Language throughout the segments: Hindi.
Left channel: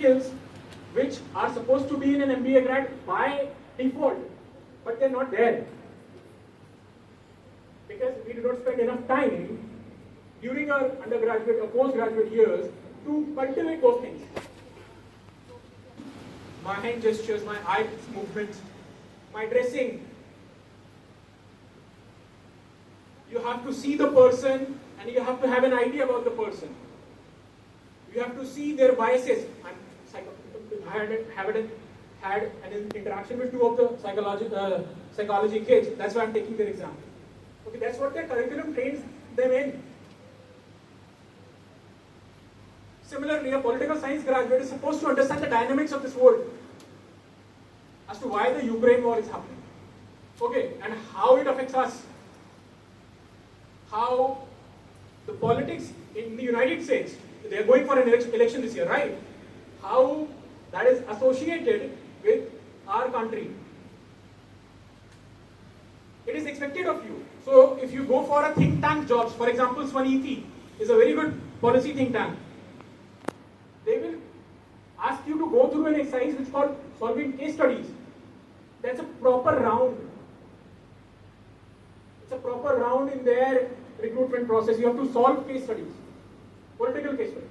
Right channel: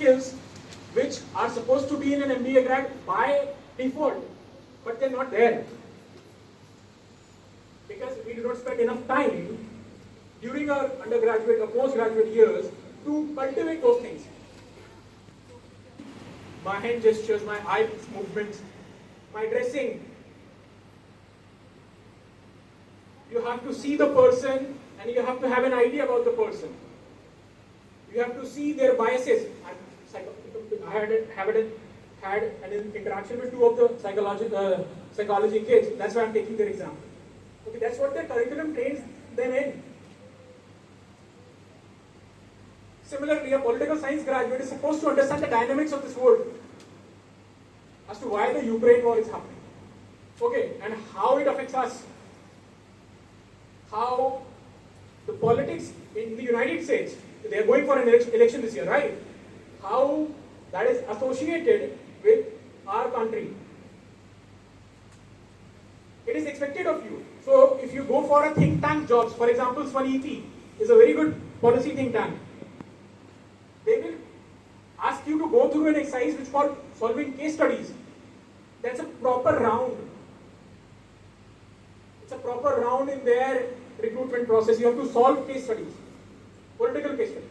skills which are supposed to be in an MBA grad by default, but they're not there. Because we do not spend enough time during our undergraduate or postgraduate years to cultivate those things. My hand gestures, my eye movements, my dressing. You have to see the person and you have to have an idea about the person. You have to see their biases. I had an interaction with two of the psychology kids. That's why I'm taking their exam. Okay, that's what their curriculum trains them in. Similarly, a political science graduate is supposed to understand the dynamics of this world as to why the Ukraine war is happening. Okay, and how it affects us. How the politics in the United States, they are going for an election this year, right? How that is associated with our country. It is expected of you. So if you go for a think tank jobs, for example, Swaniti is a very good policy think tank. They will ask you to go through an exercise which is called solving case studies. That's a proper round. It's a proper round in their recruitment process. You have to solve case studies, political case studies.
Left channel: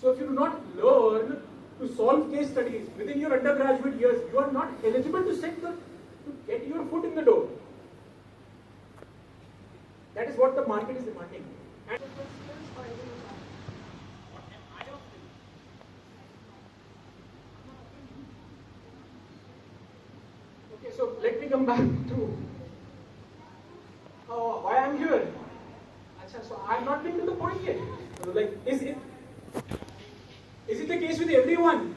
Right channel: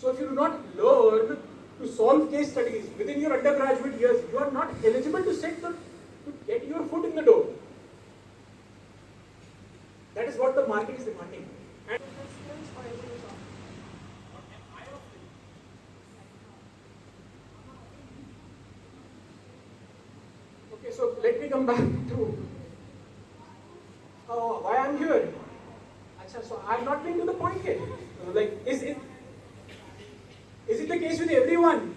So if you do not learn to solve case studies within your undergraduate years, you are not eligible to get your foot in the door. That is what the market is demanding. And okay, so let me come back to why I'm here. So I've not been to the point yet. Like, is it the case with everyone?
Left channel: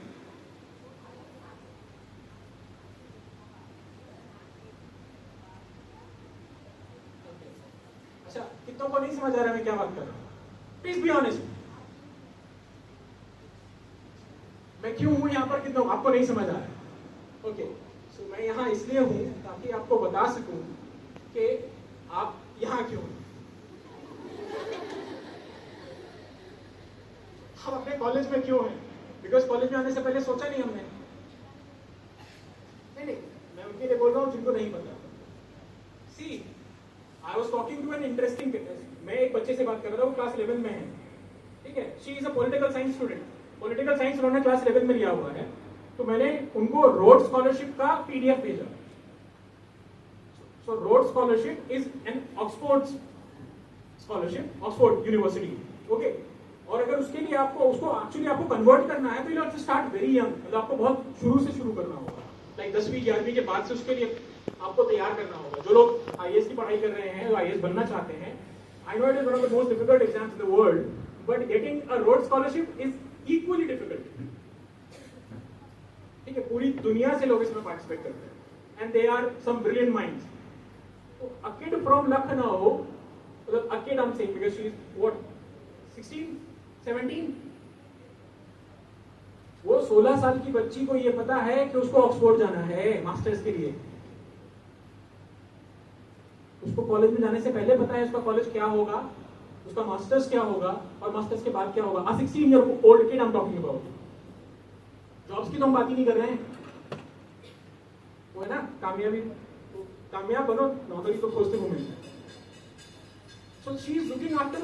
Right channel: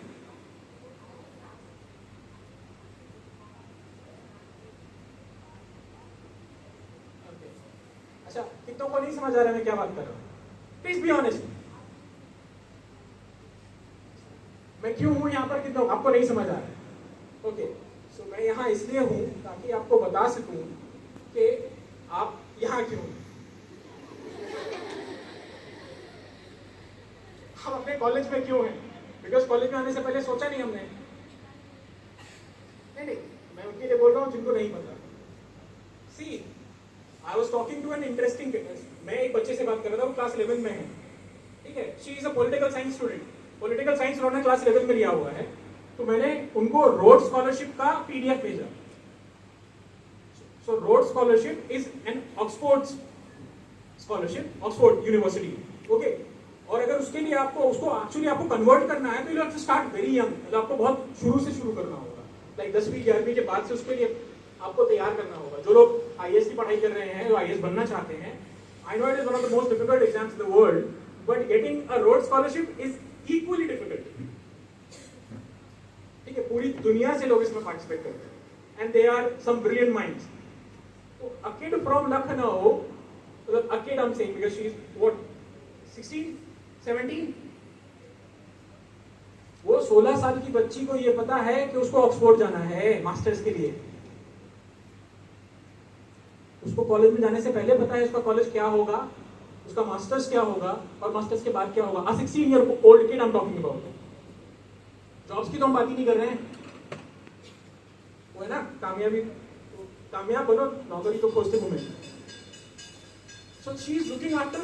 अच्छा, कितनों को नहीं समझ आ रहा है मैं क्या बात कर रहा हूँ? Please be honest. मैं क्यों हूँ यहाँ पर, कितनों आपको नहीं समझ आ रहा है? ओके, सो मैं यहाँ इसलिए हूँ ताकि आपको बता सकूँ कि आप यहाँ क्यों हैं। हम अपने कॉलेज में क्यों हैं? बिकॉज कॉलेज में आने से पहले सोचा नहीं हमने। नहीं, मैं उनके लिए बोल रहा हूँ जिनको नहीं पता। सी, I was talking to an interesting case. मैं एक बच्चे से बात कर रहा था, वो क्लास 11 में है, ठीक है? She is a political science student. Political science उन्होंने क्लास 11 में लिया हुआ है, तो मैंने उनको रोड स्कॉलरशिप का PDF भेजा। So road scholarship is an Oxford scholarship, Oxford University, okay? और अगर उसके लिए आपको उसको एक्चुअली आपको कन्वर्ट करना है तो you have to start very young, मतलब आपको बहुत शुरू से शुरू करना होगा, लाइक 10वीं 11वीं के बाद से उसके लिए आपको तैयार करना होगा। जो लोग आईएएस की पढ़ाई कर रहे हैं, जो आईएएस बनना चाहते हैं, I know it is one of the most difficult exams in the world, but getting a road scholarship is equally difficult. ठीक है, पूरी दुनिया से लोग इसमें पार्टिसिपेट करते हैं and they are some brilliant minds. तो अ किड फ्रॉम लखनऊ, मतलब a kid I am saying because she is what 16 17, वो 16 साल की बच्ची को ये पता है कि उसको ऑक्सफोर्ड जाना है मास्टर्स के लिए। उसको कॉलेज में जाने से पहले पता है उसका कॉलेज क्या होगा, उसका मास्टर्स क्या होगा और मास्टर्स के बाद क्या होगा। 16 year old kid I am talking about. Jobs की तो हम बात ही नहीं कर रहे हैं, वो है ना कामयाब बनो, नौकरी को खोजते घूमे। So she is looking after,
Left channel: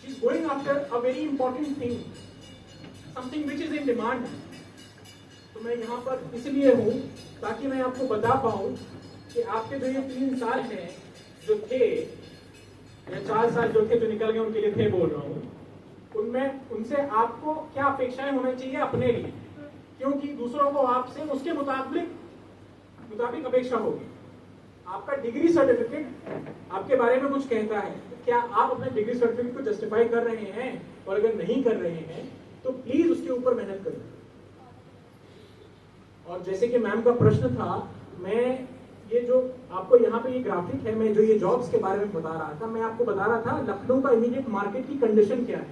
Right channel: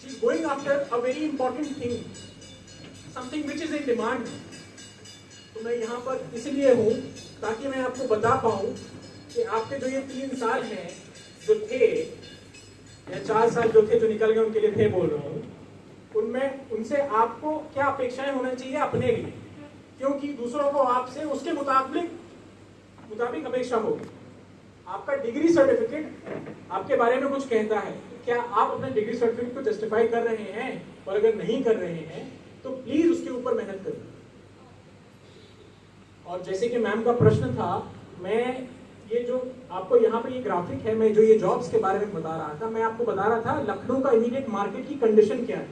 she is going after a very important thing, something which is in demand. तो मैं यहाँ पर इसलिए हूँ ताकि मैं आपको बता पाऊँ कि आपके जो ये 3 साल हैं जो थे, या 4 साल जो थे जो निकल गए उनके लिए थे बोल रहा हूँ, उनमें उनसे आपको क्या अपेक्षाएं होना चाहिए अपने लिए, क्योंकि दूसरों को आपसे उसके मुताबिक अपेक्षा होगी। आपका डिग्री सर्टिफिकेट आपके बारे में कुछ कहता है, क्या आप अपने डिग्री सर्टिफिकेट को जस्टिफाई कर रहे हैं? और अगर नहीं कर रहे हैं तो प्लीज उसके ऊपर मेहनत करो। और जैसे कि मैम का प्रश्न था, मैं ये जो आपको यहाँ पे ये ग्राफिक है, मैं जो ये जॉब्स के बारे में बता रहा था, मैं आपको बता रहा था लखनऊ का इमीडिएट मार्केट की कंडीशन क्या है,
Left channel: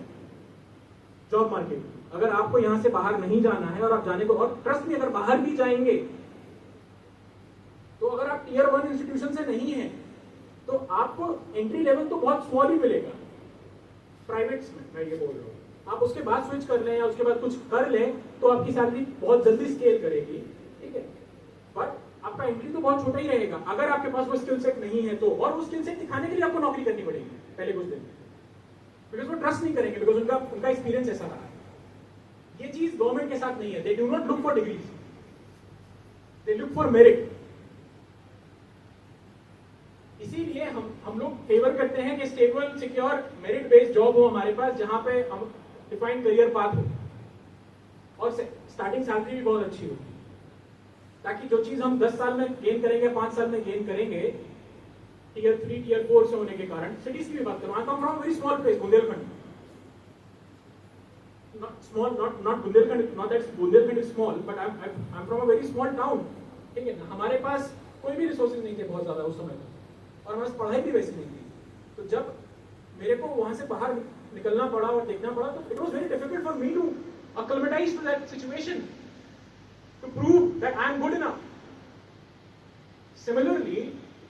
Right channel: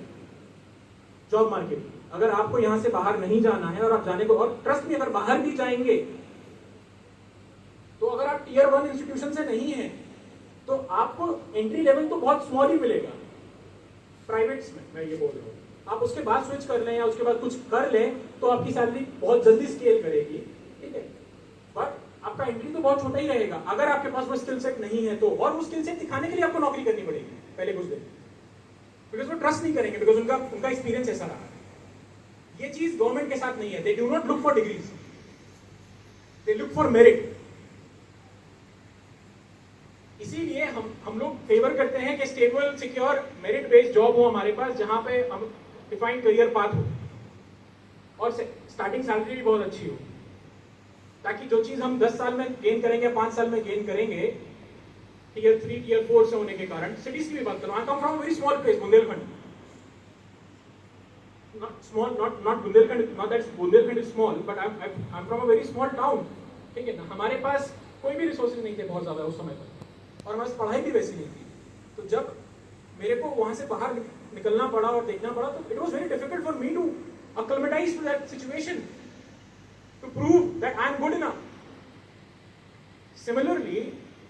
जॉब मार्केट। अगर आपको यहाँ से बाहर नहीं जाना है और आप जाने को, और ट्रस्ट में अगर बाहर भी जाएंगे तो अगर आप टियर 1 इंस्टीट्यूशन से नहीं है तो आपको एंट्री लेवल तो बहुत स्मॉल ही मिलेगा प्राइवेट्स में, मैं ये बोल रहा हूँ। आप उसके बाद स्विच कर लें या उसके बाद कुछ कर लें तो आपकी सैलरी बहुत जल्दी स्केल करेगी, ठीक है। बट आपका एंट्री तो बहुत छोटा ही रहेगा अगर आपके पास वो स्किल सेट नहीं है तो, और वो स्किल सेट दिखाने के लिए आपको नौकरी करनी पड़ेगी पहले कुछ दिन, बिकॉज वो ट्रस्ट नहीं करेंगे, बिकॉज उनका एक्सपीरियंस ऐसा रहा। ये चीज गवर्नमेंट के साथ नहीं है। They do not look for degrees, they look for merit. इसीलिए हम लोग फेवर करते हैं कि stable, secure, merit based job हो हमारे पास, जहां पे हम डिफाइंड करियर पाथ हो और स्टार्टिंग सैलरी भी बहुत अच्छी हो, ताकि जो चीज हम 10 साल में गेन करेंगे, 5 साल में गेन करेंगे, टियर 3 टियर 4 से होने के कारण। सिटीज की भी बात करूं, I come from very small place, Bundelkhand. Not small, not Bundelkhand, not that Bundelkhand is small, but I'm from a very small town, ठीक है ना। हमारे पास कोई भी रिसोर्सेज नहीं थे बहुत ज्यादा उस समय पर, और हमारे पास पढ़ाई भी वैसी नहीं थी। तो जब मेरे को वहां से बाहर निकलना पड़ा और देखना पड़ा, तो it was very difficult for me to acclimatize to that situation, to prove that I am good enough. Similarly,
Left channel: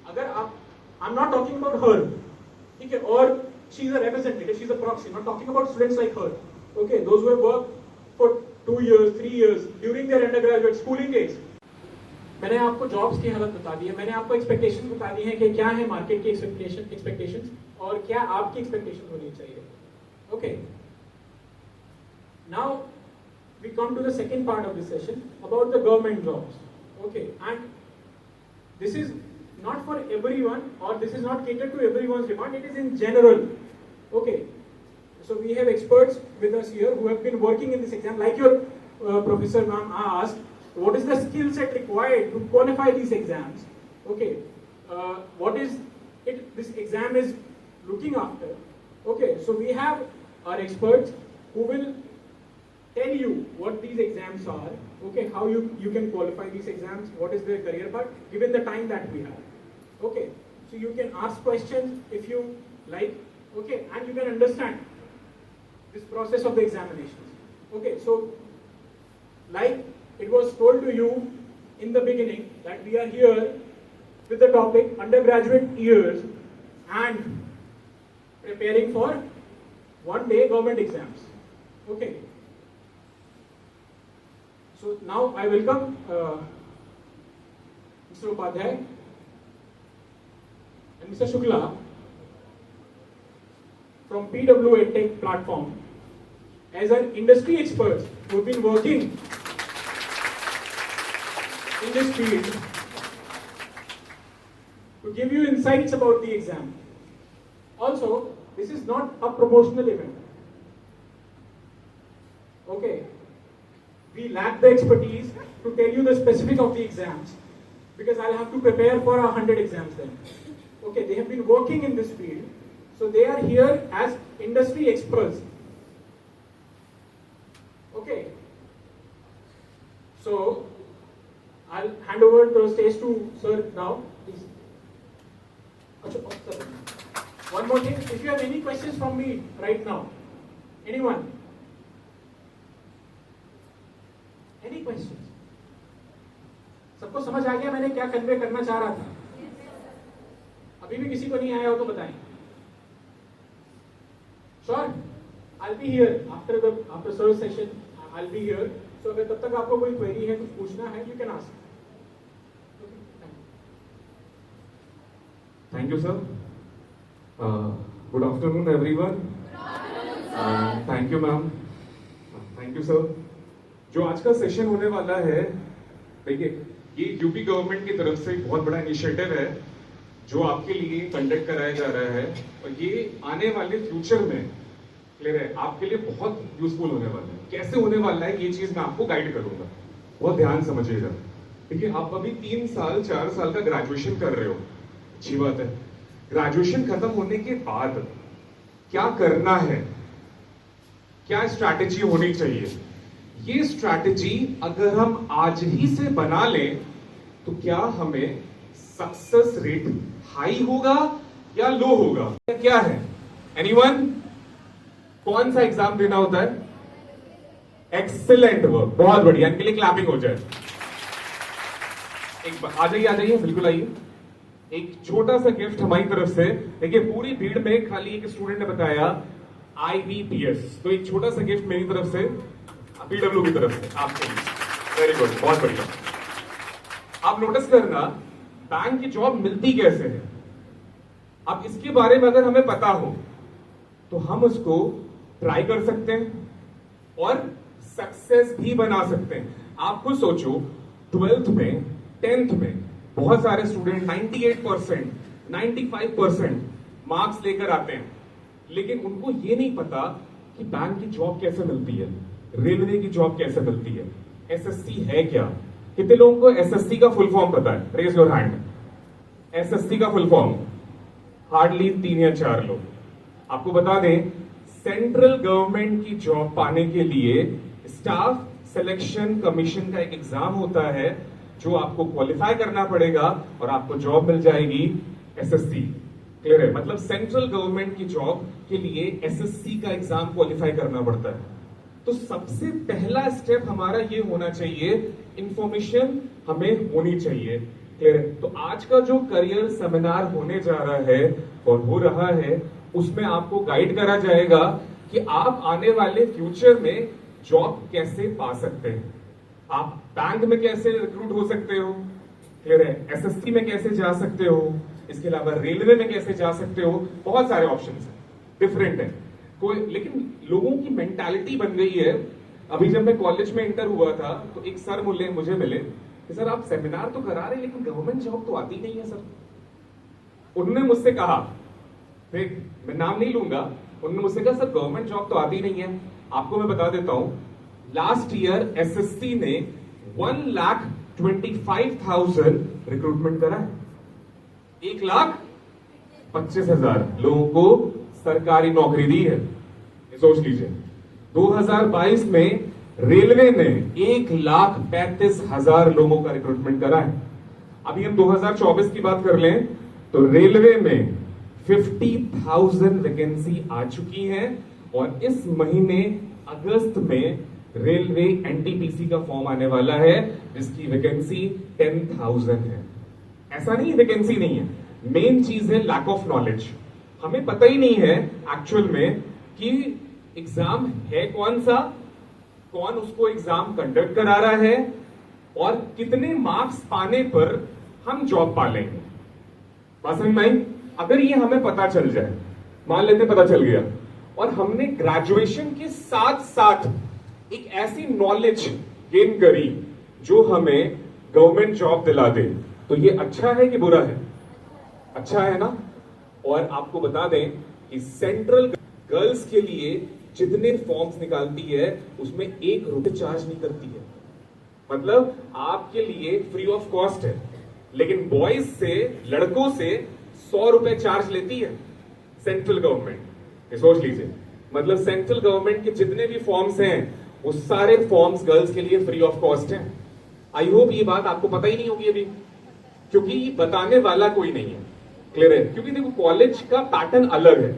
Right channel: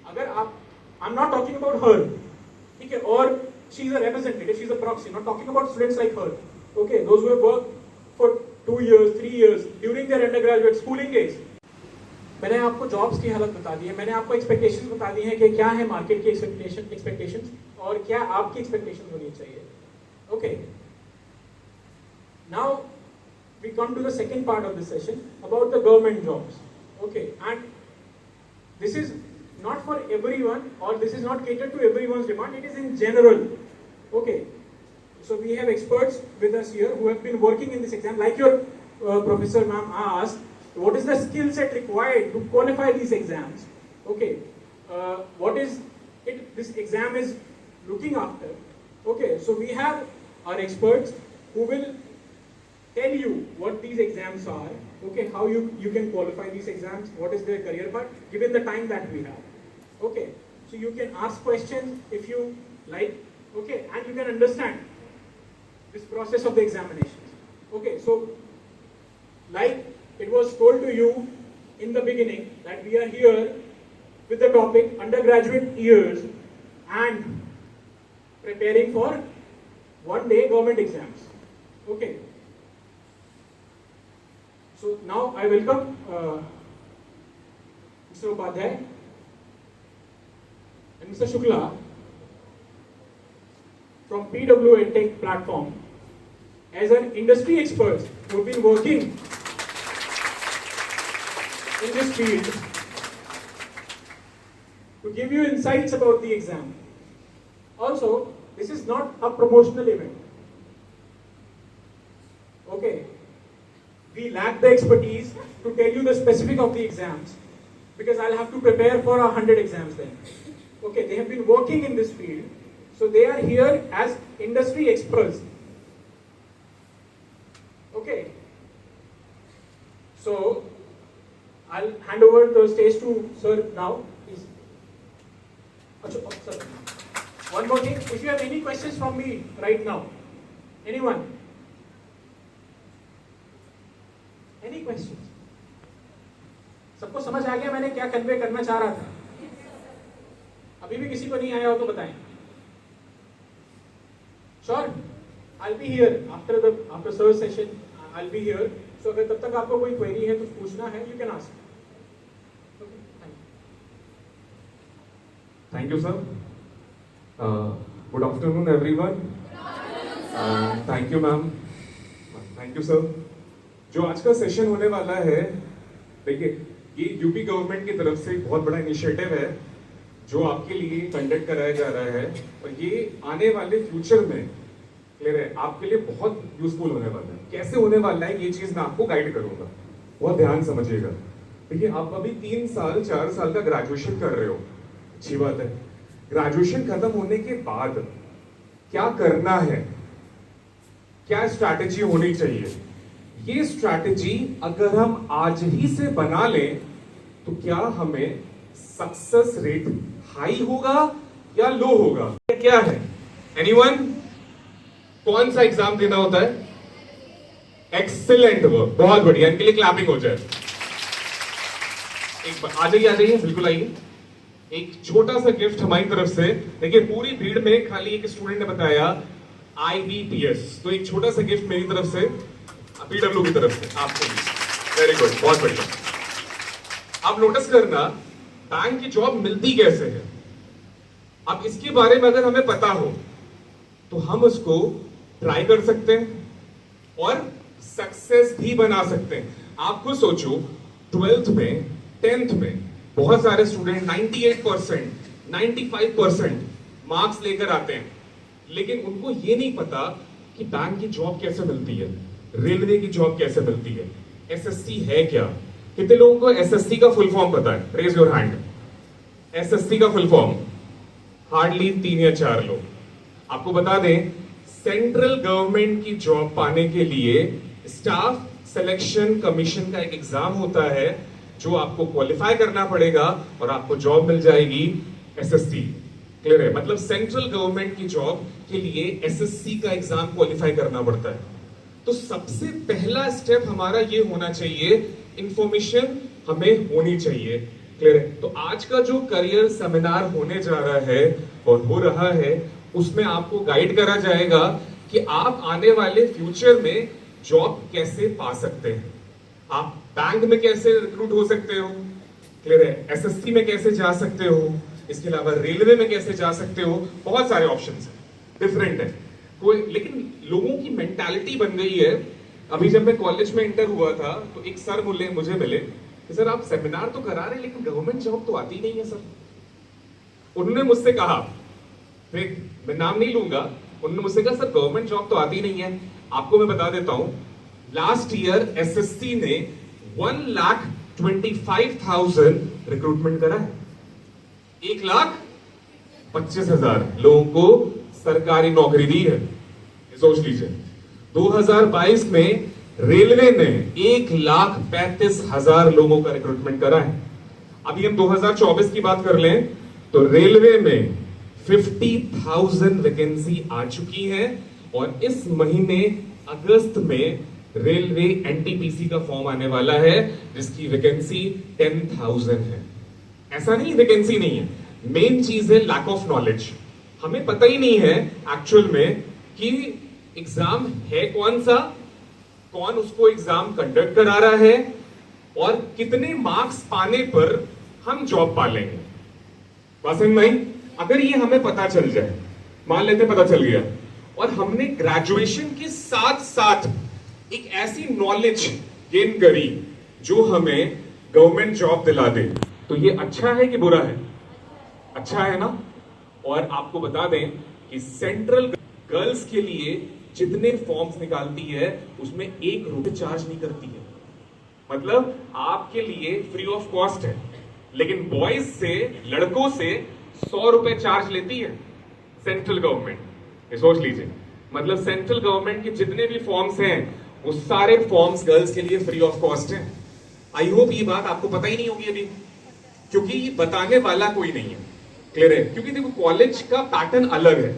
अगर आप, I'm not talking about her, ठीक है, और she is a representative, she is a proxy, not talking about students like her, okay, those who have worked for 2 years, 3 years during their undergraduate schooling days. मैंने आपको जॉब्स की हालत बता दी है, मैंने आपको एक्सपेक्टेशंस बता दी हैं कि क्या है मार्केट की एक्सपेक्टेशंस और क्या आपकी एक्सपेक्टेशन होनी चाहिए, okay. Now we come to the second part of this session about the government jobs, okay, and this is not for everyone, or this is not catered to everyone's demand, it is in general, okay. So we have experts with us here who have been working in this exam, like your professor ma'am asked, what is the skill set required to qualify these exams, okay, what is it this exam is looking after, okay. So we have our experts who will tell you what these exams are, okay, how you can qualify these exams, what is their career path, given the time that we have, okay. So you can ask questions if you like, okay, and you can understand this process of the examinations, okay. So like it was told to you in the beginning that we are here with the topic undergraduate years and preparing for one day government exams, okay. So now I welcome Mr. Upadhyay and Mr. Shukla from PW EdTech platform as an industry experts who have been working in this field to give you insights about the exam. Also, this is not a promotional event, okay. We lack the expertise to tell you the specific of the exams, because I'll have to prepare for 100 exams then. Okay, they have been working in this field, so they are here as industry experts. Okay. So I'll hand over the stage to sir now, please. Achha, sir. One more thing, if you have any questions from me right now, anyone? Any questions? सबको समझ आ गया मैंने क्या कन्वे करना चाह रहा था? अभी भी किसी को नहीं आया हो तो बताएं. Sure, I'll be here after sir session. I'll be here. So अगर तब तक आपको कोई query है, कुछ पूछना है, you can ask. Okay, thank you, sir. Good afternoon, everyone. Thank you, ma'am. Thank you, sir. जो आज का सेशन होने वाला है, देखिए ये यूपी गवर्नमेंट की तरफ से एक बहुत बड़ा इनिशिएटिव है जो आपके लिए कंडक्ट कराया जा रहा है, और ये आने वाले फ्यूचर में क्लियर है आपके लिए बहुत यूजफुल होने वाला है। कैसे होने वाला है ये चीज मैं आपको गाइड करूंगा, बहुत ध्यान समझिएगा। देखिए आप अभी 3 साल 4 साल का ग्रेजुएशन कर रहे हो, अच्छी बात है। ग्रेजुएशन खत्म होने के बाद क्या करना है, क्या स्ट्रैटेजी होनी चाहिए, ये स्ट्रैटेजी अगर हम आज ही से बना लें तो क्या हमें सक्सेस रेट हाई होगा या लो होगा, क्या है? एनीवन? कौन सा एग्जाम देना होता है? एक्सीलेंट वर्क, बहुत बढ़िया, इनके लिए क्लैपिंग हो जाए। एक बार आ जाइए बिल्कुल आइए। एक छोटा सा गिफ्ट हमारी तरफ से। देखिए पूरी भीड़ में खाली एक स्टूडेंट ने बताया IBPS। तो एक छोटा सा गिफ्ट मेरी तरफ से PW की तरफ से आपको भी। वेरी गुड, बहुत बढ़िया। आप नोटिस करना बैंक की जॉब मिलती कैसे है। अब इसके बारे में अगर हमें पता हो तो हम उसको ट्राई कर सकते हैं और सक्सेस भी बना सकते हैं। आप खुद सोचो, 12th में 10th में बहुत सारे स्टूडेंट 98%, 95% मार्क्स लेकर आते हैं, लेकिन उनको ये नहीं पता कि बैंक की जॉब कैसे मिलती है, रेलवे की जॉब कैसे मिलती है, एसएससी है क्या। कितने लोगों को एसएससी का फुल फॉर्म पता है? Raise your hand. एसएससी का फुल फॉर्म हार्डली 3 या 4 लोग। आपको बता दें, सेंट्रल गवर्नमेंट की जॉब पाने के लिए स्टाफ सिलेक्शन कमीशन का एक एग्जाम होता है जो आपको क्वालिफाई करना पड़ेगा और आपको जॉब मिल जाएगी एसएससी। क्लियर है? मतलब सेंट्रल गवर्नमेंट की जॉब के लिए एसएससी का एग्जाम क्वालिफाई करना पड़ता है। तो सबसे पहला स्टेप हमारा ये होना चाहिए, इंफॉर्मेशन हमें होनी चाहिए। क्लियर है? तो आज का जो करियर सेमिनार होने जा रहा है और हो रहा है, उसमें आपको गाइड करा जाएगा कि आप आने वाले फ्यूचर में जॉब कैसे पा सकते हैं। आप बैंक में कैसे रिक्रूट हो सकते हो, क्लियर है, एसएससी में कैसे जा सकते हो, इसके अलावा रेलवे में कैसे जा सकते हो। बहुत सारे ऑप्शंस हैं, डिफरेंट है कोई, लेकिन लोगों की मेंटालिटी बन गई है। अभी जब मैं कॉलेज में इंटर हुआ था तो एक सर मुझे मिले कि सर आप सेमिनार तो करा रहे हैं लेकिन गवर्नमेंट जॉब तो आती नहीं है सर। उन्होंने मुझसे कहा, फिर मैं नाम नहीं लूंगा, उन्होंने मुझसे कहा सर गवर्नमेंट जॉब तो आती नहीं है। आपको मैं बता देता हूं, लास्ट ईयर एसएससी ने 1,25,000 रिक्रूटमेंट करा है। 1,25,000 लोगों को सरकारी नौकरी दी है। सोच लीजिए, 2022 में रेलवे ने 1,35,000 लोगों का रिक्रूटमेंट करा है। अभी हम 2024 की बात कर लें तो रेलवे में 50,000 वैकेंसी आ चुकी है और इस महीने अगस्त में रेलवे एनटीपीसी का फॉर्म आने वाला है जिसकी वैकेंसी 10,000 है। ऐसा नहीं वैकेंसी नहीं है, मेन चीज है लैक ऑफ नॉलेज। हमें पता ही नहीं है एक्चुअल में कि एग्जाम है कौन सा, कौन उसको एग्जाम कंडक्ट करा रहा है और कितने मार्क्स पाने पर हम जॉब पा लेंगे। बात समझ में आई? अगर ये हमें पता चल जाए, मान लेते पता चल गया और हमने ग्रेजुएशन के साथ साथ एक ऐसी नॉलेज गेन करी जो हमें गवर्नमेंट जॉब दिला दे, तो ये अच्छा है कि बुरा है? अच्छा है ना। और आपको बता दें कि सेंट्रल गर्ल्स के लिए जितने फॉर्म्स निकालती है उसमें 1 रुपए चार्ज नहीं करती है। मतलब आपके लिए फ्री ऑफ कॉस्ट है, लेकिन बॉयज से, लड़कों से 100 रुपए चार्ज लेती है सेंट्रल गवर्नमेंट। ये सोच लीजिए, मतलब सेंट्रल गवर्नमेंट के जितने भी फॉर्म्स हैं वो सारे फॉर्म्स गर्ल्स के लिए फ्री ऑफ कॉस्ट हैं। आई होप ये बात आपको पता ही नहीं होगी अभी, क्योंकि ये बताने वाला कोई नहीं है। क्लियर है? क्योंकि देखो कॉलेज का पैटर्न अलग है,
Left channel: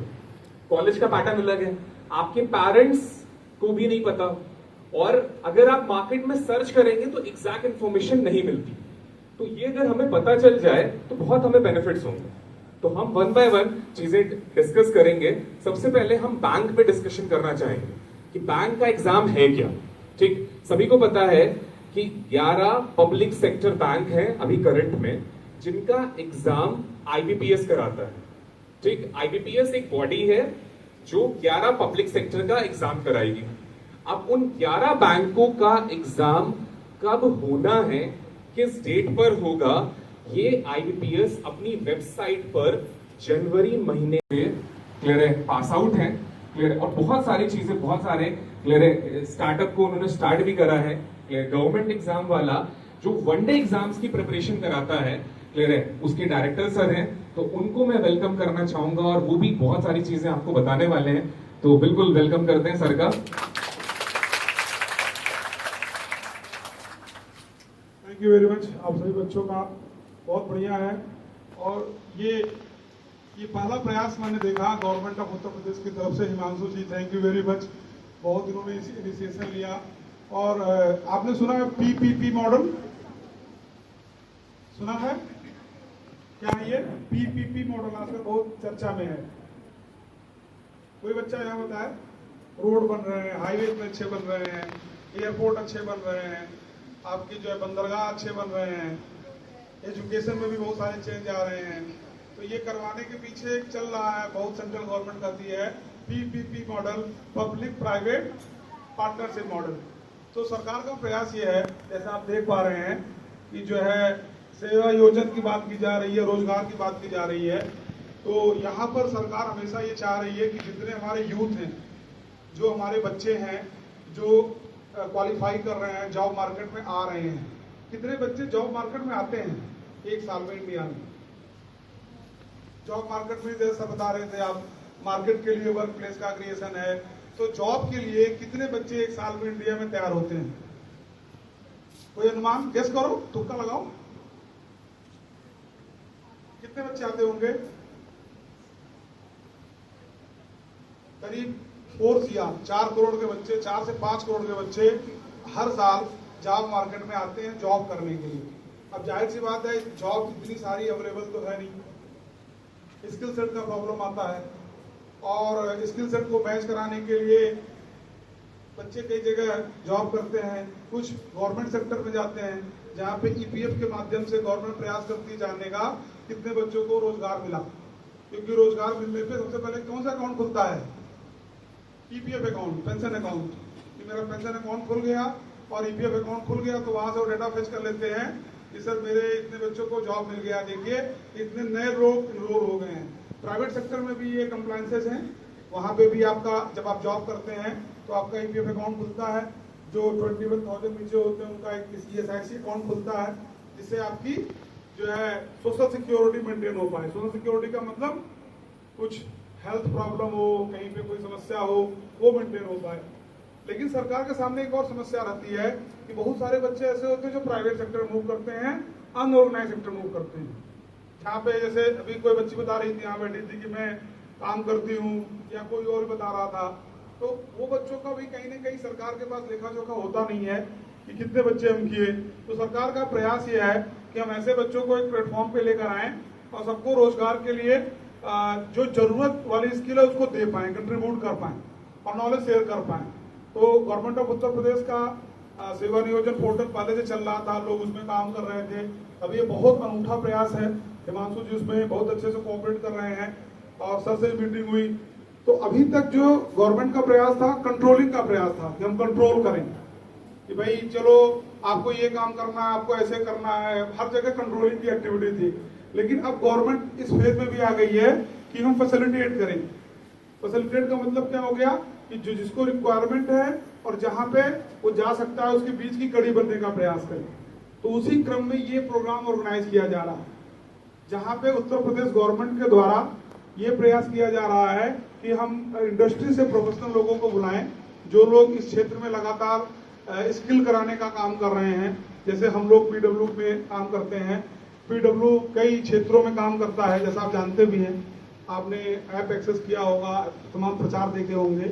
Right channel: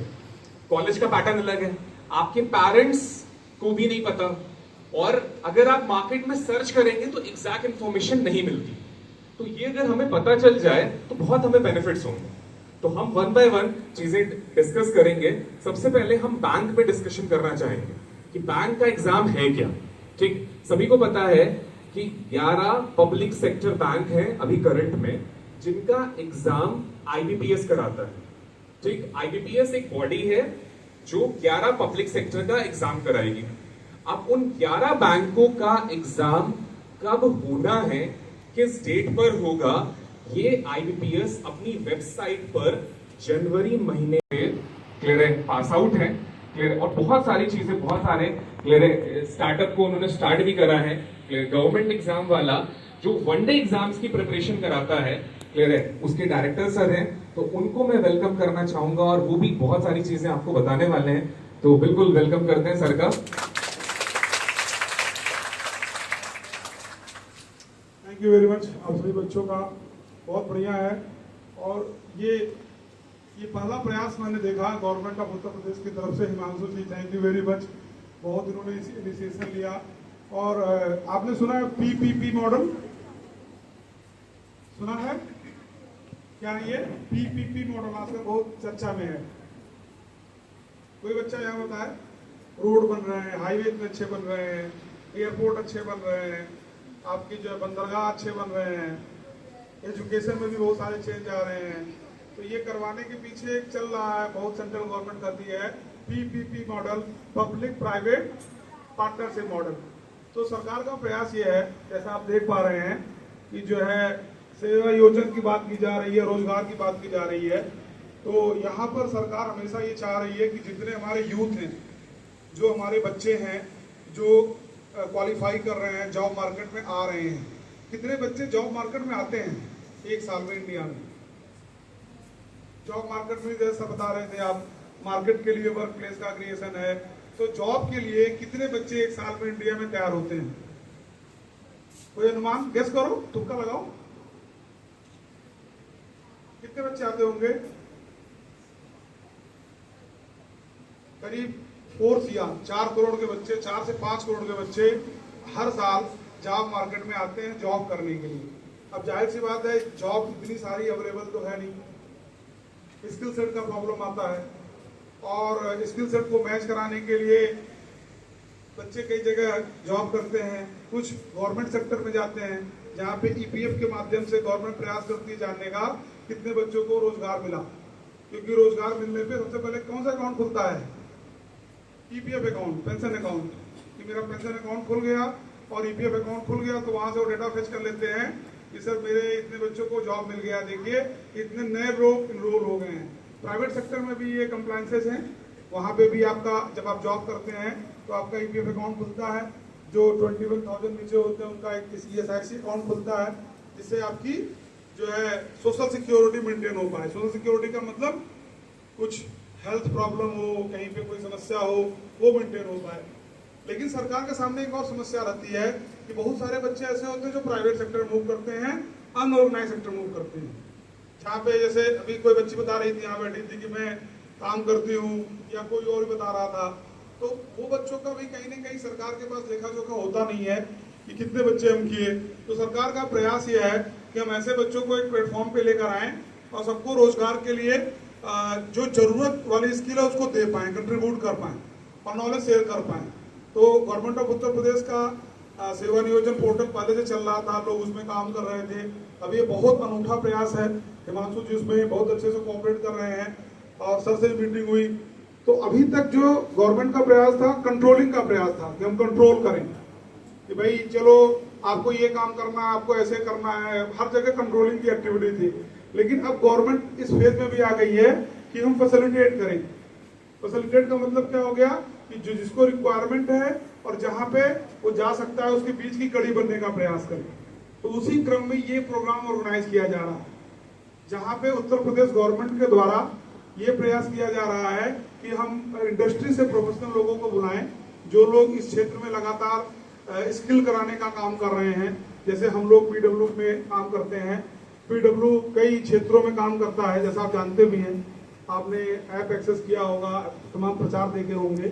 कॉलेज का पैटर्न अलग है, आपके पेरेंट्स को भी नहीं पता, और अगर आप मार्केट में सर्च करेंगे तो एग्जैक्ट इंफॉर्मेशन नहीं मिलती। तो ये अगर हमें पता चल जाए तो बहुत हमें बेनिफिट्स होंगे। तो हम 1 बाय 1 चीजें डिस्कस करेंगे। सबसे पहले हम बैंक पे डिस्कशन करना चाहेंगे कि बैंक का एग्जाम है क्या। ठीक, सभी को पता है कि 11 पब्लिक सेक्टर बैंक है अभी करंट में जिनका एग्जाम आईबीपीएस कराता है। ठीक, आईबीपीएस एक बॉडी है जो 11 पब्लिक सेक्टर का एग्जाम कराएगी। अब उन 11 बैंकों का एग्जाम कब होना है, किस डेट पर होगा, ये आईबीपीएस अपनी वेबसाइट पर जनवरी महीने में क्लियर है, पास आउट है। क्लियर है? और बहुत सारी चीजें, बहुत सारे क्लियर है, स्टार्टअप को उन्होंने स्टार्ट भी करा है। क्लियर, गवर्नमेंट एग्जाम वाला जो वनडे एग्जाम्स की प्रिपरेशन कराता है, क्लियर है, उसके डायरेक्टर सर हैं, तो उनको मैं वेलकम करना चाहूंगा और वो भी बहुत सारी चीजें आपको बताने वाले हैं। तो बिल्कुल वेलकम करते हैं सर का। Thank you very much. आप सभी बच्चों का बहुत बढ़िया है, और ये पहला प्रयास मैंने देखा गवर्नमेंट ऑफ उत्तर प्रदेश की तरफ से। हिमांशु जी, थैंक यू वेरी मच, बहुत इन्होंने इनिशिएशन लिया। और आपने सुना है पीपीपी मॉडल, सुना है क्या? ये पीपीपी मॉडल आजकल बहुत चर्चा में है। कोई बच्चा यहाँ बताए? रोड बन रहे हैं, हाईवे इतने अच्छे बन रहे हैं, एयरपोर्ट अच्छे बन रहे हैं, आपकी जो है बंदरगाह अच्छे बन रहे हैं, एजुकेशन में भी बहुत सारे चेंज आ रहे हैं। तो ये करवाने के पीछे एक चल रहा है, बहुत सेंट्रल गवर्नमेंट करती है, PPP model, public private partnership model. तो सरकार का प्रयास ये है, जैसे आप देख पा रहे हैं कि जो है सेवा योजन की बात की जा रही है, रोजगार की बात की जा रही है। तो यहाँ पर सरकार हमेशा ये चाह रही है कि जितने हमारे यूथ हैं, जो हमारे बच्चे हैं, जो क्वालिफाई कर रहे हैं, जॉब मार्केट में आ रहे हैं, कितने बच्चे जॉब मार्केट में आते हैं एक साल में इंडिया में? जॉब मार्केट में जैसा बता रहे थे आप, मार्केट के लिए वर्क प्लेस का क्रिएशन है। तो जॉब के लिए कितने बच्चे एक साल में इंडिया में तैयार होते हैं? कोई अनुमान गेस करो, तुक्का लगाओ, कितने बच्चे आते होंगे? करीब 4 करोड़ के बच्चे, 4 से 5 करोड़ के बच्चे हर साल जॉब मार्केट में आते हैं जॉब करने के लिए। अब जाहिर सी बात है, जॉब इतनी सारी अवेलेबल तो है नहीं, स्किल सेट का प्रॉब्लम आता है, और स्किल सेट को मैच कराने के लिए बच्चे कई जगह जॉब करते हैं, कुछ गवर्नमेंट सेक्टर में जाते हैं, जहाँ पे ईपीएफ के माध्यम से गवर्नमेंट प्रयास करती है जानने का कितने बच्चों को रोजगार मिला। क्योंकि रोजगार मिलने पे सबसे पहले कौन सा अकाउंट खुलता है? EPF account, pension account. कि मेरा पेंशन अकाउंट खुल गया और ईपीएफ अकाउंट खुल गया, तो वहां से वो डेटा फेच कर लेते हैं कि सर मेरे इतने बच्चों को जॉब मिल गया, देखिए इतने नए लोग इनरोल हो गए हैं। प्राइवेट सेक्टर में भी ये कंप्लायंसेस हैं, वहां पे भी आपका जब आप जॉब करते हैं तो आपका ईपीएफ अकाउंट खुलता है। जो 21,000 नीचे होते हैं उनका एक ईएसआईसी अकाउंट खुलता है, जिससे आपकी जो है सोशल सिक्योरिटी मेंटेन हो पाए। सोशल सिक्योरिटी का मतलब कुछ हेल्थ प्रॉब्लम हो, कहीं पे कोई समस्या हो, वो मेंटेन हो पाए। लेकिन सरकार के सामने एक और समस्या रहती है कि बहुत सारे बच्चे ऐसे होते हैं जो प्राइवेट सेक्टर मूव करते हैं, अनऑर्गेनाइज सेक्टर मूव करते हैं। जहाँ पे जैसे अभी कोई बच्ची बता रही थी, यहाँ बैठी थी कि मैं काम करती हूँ, या कोई और बता रहा था, तो वो बच्चों का भी कहीं ना कहीं सरकार के पास लेखा जोखा होता नहीं है कि कितने बच्चे हम किए। तो सरकार का प्रयास ये है कि हम ऐसे बच्चों को एक प्लेटफॉर्म पे लेकर आए और सबको रोजगार के लिए जो जरूरत वाली स्किल है उसको दे पाए, कंट्रीब्यूट कर पाए और नॉलेज शेयर कर पाए। तो गवर्नमेंट ऑफ उत्तर प्रदेश का सेवा नियोजन पोर्टल पहले से चल रहा था, लोग उसमें काम कर रहे थे। अब ये बहुत अनूठा प्रयास है, हिमांशु जी उसमें बहुत अच्छे से कोऑपरेट कर रहे हैं और सर से मीटिंग हुई। तो अभी तक जो गवर्नमेंट का प्रयास था, कंट्रोलिंग का प्रयास था कि हम कंट्रोल करें कि भाई चलो आपको ये काम करना है, आपको ऐसे करना है, हर जगह कंट्रोलिंग की एक्टिविटी थी। लेकिन अब गवर्नमेंट इस फेज में भी आ गई है कि हम फैसिलिटेट करें। फैसिलिटेट का मतलब क्या हो गया कि जो जिसको रिक्वायरमेंट है और जहां पे वो जा सकता है उसके बीच की कड़ी बनने का प्रयास करें। तो उसी क्रम में ये प्रोग्राम ऑर्गेनाइज किया जा रहा है, जहां पे उत्तर प्रदेश गवर्नमेंट के द्वारा ये प्रयास किया जा रहा है कि हम इंडस्ट्री से प्रोफेशनल लोगों को बुलाएं, जो लोग इस क्षेत्र में लगातार स्किल कराने का काम कर रहे हैं। जैसे हम लोग पीडब्ल्यू में काम करते हैं, पीडब्ल्यू कई क्षेत्रों में काम करता है, जैसा आप जानते भी हैं, आपने ऐप एक्सेस किया होगा, तमाम प्रचार देखे होंगे।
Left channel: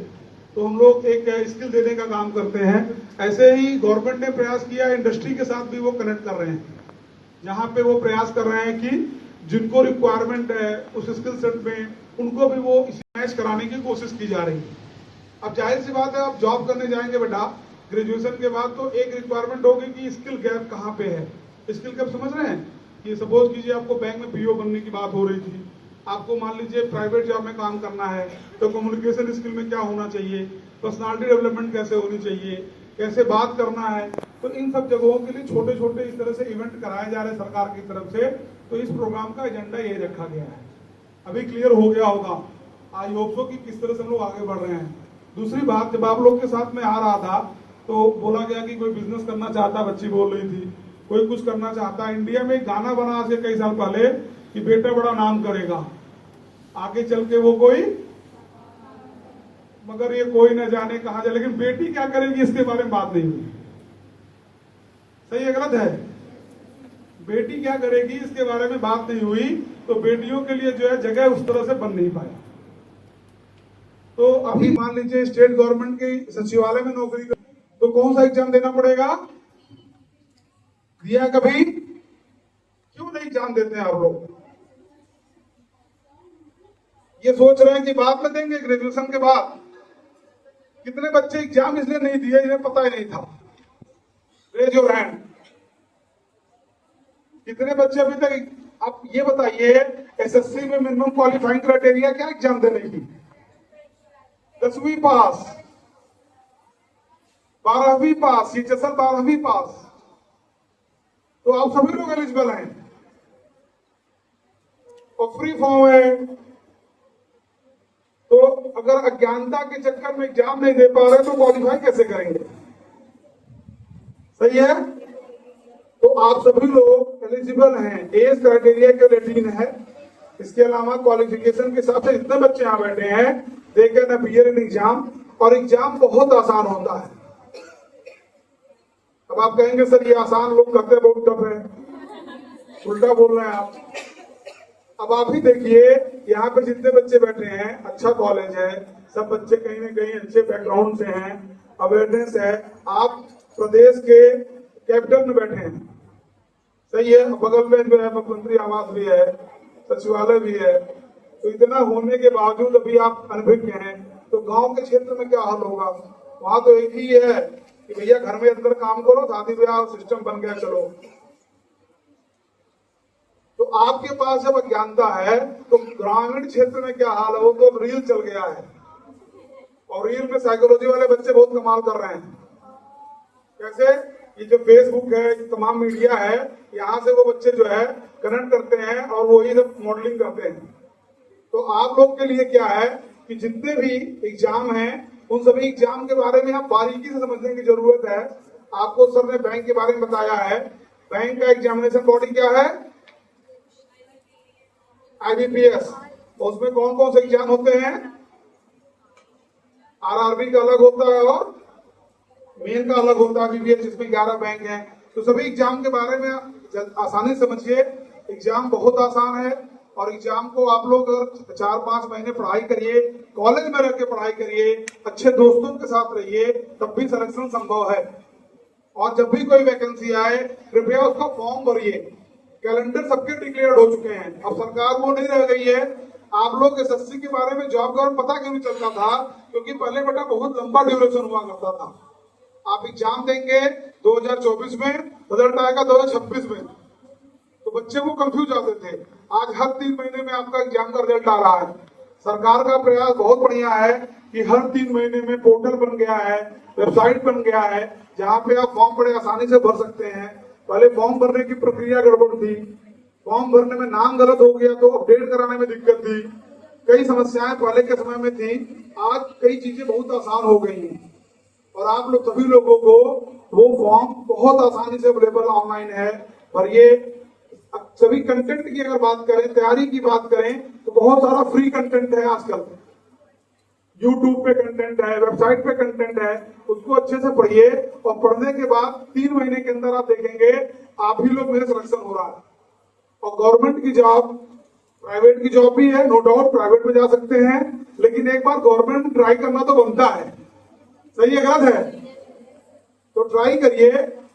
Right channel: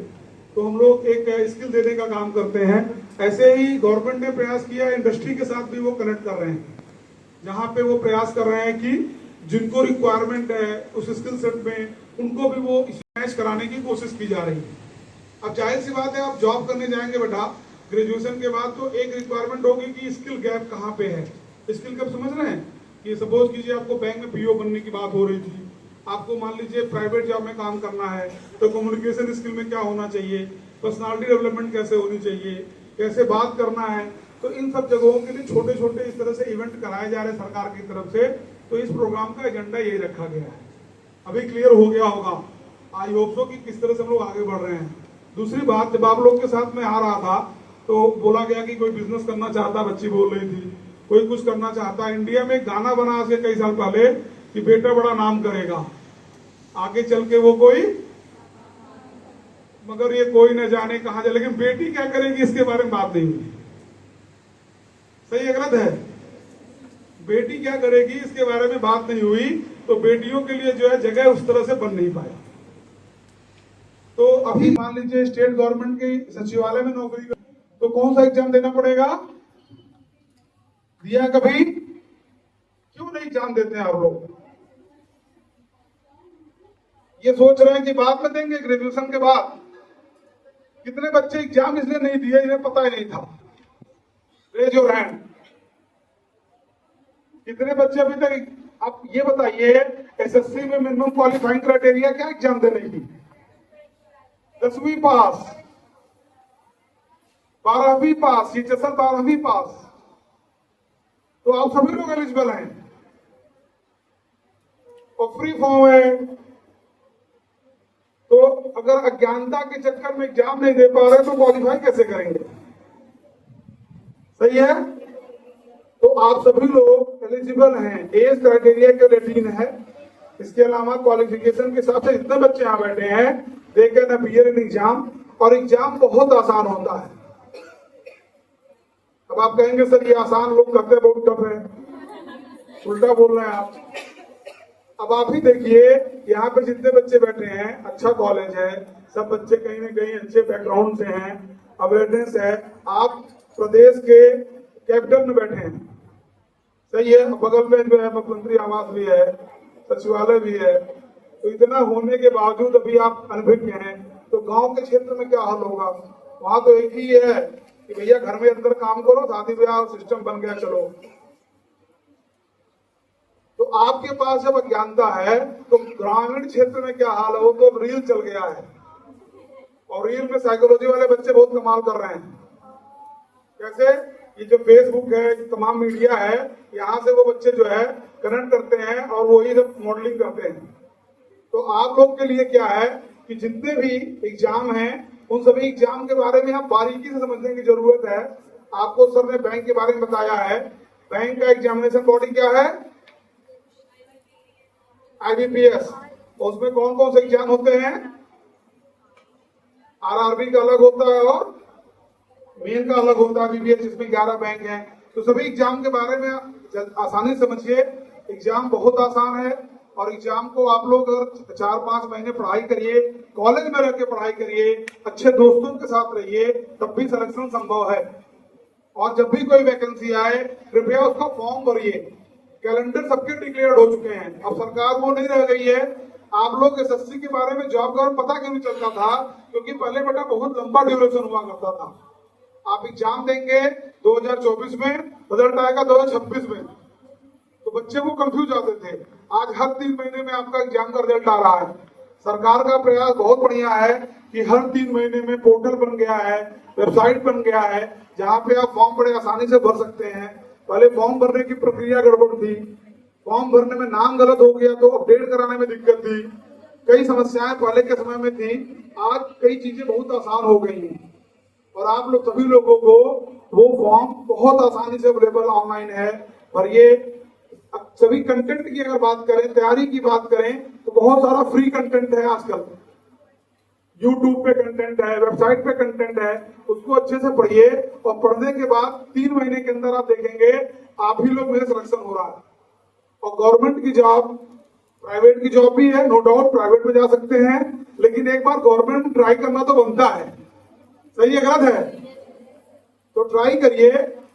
तो हम लोग एक स्किल देने का काम करते हैं। ऐसे ही गवर्नमेंट ने प्रयास किया, इंडस्ट्री के साथ भी वो कनेक्ट कर रहे हैं, जहां पे वो प्रयास कर रहे हैं कि जिनको रिक्वायरमेंट है उस स्किल सेट में, उनको भी वो मैच कराने की कोशिश की जा रही है। अब जाहिर सी बात है, आप जॉब करने जाएंगे बेटा ग्रेजुएशन के बाद, तो एक रिक्वायरमेंट होगी कि स्किल गैप कहाँ पे है। स्किल गैप समझ रहे हैं कि सपोज कीजिए आपको बैंक में पीओ बनने की बात हो रही थी, आपको मान लीजिए प्राइवेट जॉब में काम करना है, तो कम्युनिकेशन स्किल में क्या होना चाहिए, पर्सनालिटी डेवलपमेंट कैसे होनी चाहिए, कैसे बात करना है। तो इन सब जगहों के लिए छोटे छोटे इस तरह से इवेंट कराए जा रहे हैं सरकार की तरफ से। तो इस प्रोग्राम का एजेंडा यही रखा गया है। अभी क्लियर हो गया होगा, आई होप सो कि किस तरह से हम लोग आगे बढ़ रहे हैं। दूसरी बात, जब आप लोग के साथ में आ रहा था तो बोला गया कि कोई बिजनेस करना चाहता, बच्ची बोल रही थी, कोई कुछ करना चाहता। इंडिया में एक गाना बना आज से कई साल पहले कि बेटा बड़ा नाम करेगा, आगे चल के वो कोई, मगर ये कोई न जाने कहां जाए। लेकिन बेटी क्या करेगी इसके बारे में बात नहीं हुई। सही है गलत है? बेटी क्या करेगी इसके बारे में बात नहीं हुई। तो बेटियों के लिए जो है जगह उस तरह से बन नहीं पाया। तो अभी मान लीजिए स्टेट गवर्नमेंट के सचिवालय में नौकरी, तो कौन सा एग्जाम देना पड़ेगा? दिया कभी? क्यों नहीं एग्जाम देते हैं आप लोग? ये सोच रहे हैं कि बाद में देंगे ग्रेजुएशन के बाद। कितने बच्चे एग्जाम इसलिए नहीं दिए, इन्हें पता ही नहीं था। Raise your hand. कितने बच्चे अभी तक, आप ये बताइए, एसएससी में मिनिमम क्वालिफाइंग क्राइटेरिया क्या एग्जाम देने की? 10वीं पास, 12वीं पास, ये 12वीं पास, तो आप सभी लोग एलिजिबल हैं और फ्री फॉर्म है। तो अगर अज्ञानता के चक्कर में एग्जाम नहीं दे पा रहे तो क्वालिफाई कैसे करेंगे? सही है। तो आप सभी लोग एलिजिबल हैं, एज क्राइटेरिया के 18 है। इसके अलावा क्वालिफिकेशन के हिसाब से जितने बच्चे यहाँ बैठे हैं they can appear in exam, और एग्जाम बहुत आसान होता है। अब आप कहेंगे सर ये आसान, लोग कहते हैं बहुत टफ है, उल्टा बोल रहे हैं आप। अब आप ही देखिए यहाँ पे जितने बच्चे बैठे हैं, अच्छा कॉलेज है, सब बच्चे कहीं ना कहीं अच्छे बैकग्राउंड से हैं, अवेयरनेस है। आप प्रदेश के कैपिटल में बैठे हैं, सही है, बगल में जो है मुख्यमंत्री आवास भी है, सचिवालय भी है। तो इतना होने के बावजूद अभी आप अनभिज्ञ हैं, तो गांव के क्षेत्र में क्या हाल होगा? वहां तो एक ही है कि भैया घर में अंदर काम करो, शादी ब्याह सिस्टम बन गया, चलो। तो आपके पास जब अज्ञानता है तो ग्रामीण क्षेत्र में क्या हाल है? वो तो रील चल गया है, और रील में साइकोलॉजी वाले बच्चे बहुत कमाल कर रहे हैं। कैसे? ये जो फेसबुक है, तमाम मीडिया है, यहाँ से वो बच्चे जो है कनेक्ट करते हैं और वही सब मॉडलिंग करते हैं। तो आप लोग के लिए क्या है कि जितने भी एग्जाम हैं उन सभी एग्जाम के बारे में आप बारीकी से समझने की जरूरत है। आपको सर ने बैंक के बारे में बताया है। बैंक का एग्जामिनेशन बॉडी क्या है? IBPS। उसमें कौन कौन से एग्जाम होते हैं? RRB का अलग होता है और मेन का अलग होता है IBPS, जिसमें 11 बैंक हैं। तो सभी एग्जाम के बारे में आसानी समझिए। एग्जाम बहुत आसान है, और एग्जाम को आप लोग अगर 4-5 महीने पढ़ाई करिए, कॉलेज में रह के पढ़ाई करिए, अच्छे दोस्तों के साथ रहिए, तब भी सिलेक्शन संभव है। और जब भी कोई वैकेंसी आए कृपया उसका फॉर्म भरिए। कैलेंडर सबके डिक्लेयर हो चुके हैं, अब सरकार वो नहीं रह गई है। आप लोग एसएससी के बारे में जॉब का पता क्यों नहीं चलता था? क्योंकि पहले बेटा बहुत लंबा ड्यूरेशन हुआ करता था। आप एग्जाम देंगे 2024 में, रिजल्ट आएगा 2026 में, तो बच्चे वो कंफ्यूज आते थे। आज हर 3 महीने में आपका एग्जाम का रिजल्ट आ रहा है। सरकार का प्रयास बहुत बढ़िया है कि हर 3 महीने में पोर्टल बन गया है, वेबसाइट बन गया है, जहाँ पे आप फॉर्म बड़े आसानी से भर सकते हैं। पहले फॉर्म भरने की प्रक्रिया गड़बड़ थी, फॉर्म भरने में नाम गलत हो गया तो अपडेट कराने में दिक्कत थी, कई समस्याएं पहले के समय में थी। आज कई चीजें बहुत आसान हो गई हैं, और आप लोग सभी लोगों को वो फॉर्म बहुत आसानी से अवेलेबल ऑनलाइन है, भरिए। सभी कंटेंट की अगर बात करें, तैयारी की बात करें, तो बहुत सारा फ्री कंटेंट है आजकल। यूट्यूब पे कंटेंट है, वेबसाइट पे कंटेंट है, उसको अच्छे से पढ़िए, और पढ़ने के बाद 3 महीने के अंदर आप देखेंगे आप ही लोग में सिलेक्शन हो रहा है। और गवर्नमेंट की जॉब, प्राइवेट की जॉब भी है, नो डाउट प्राइवेट में जा सकते हैं, लेकिन एक बार गवर्नमेंट ट्राई करना तो बनता है। सही है, गलत है? तो ट्राई करिए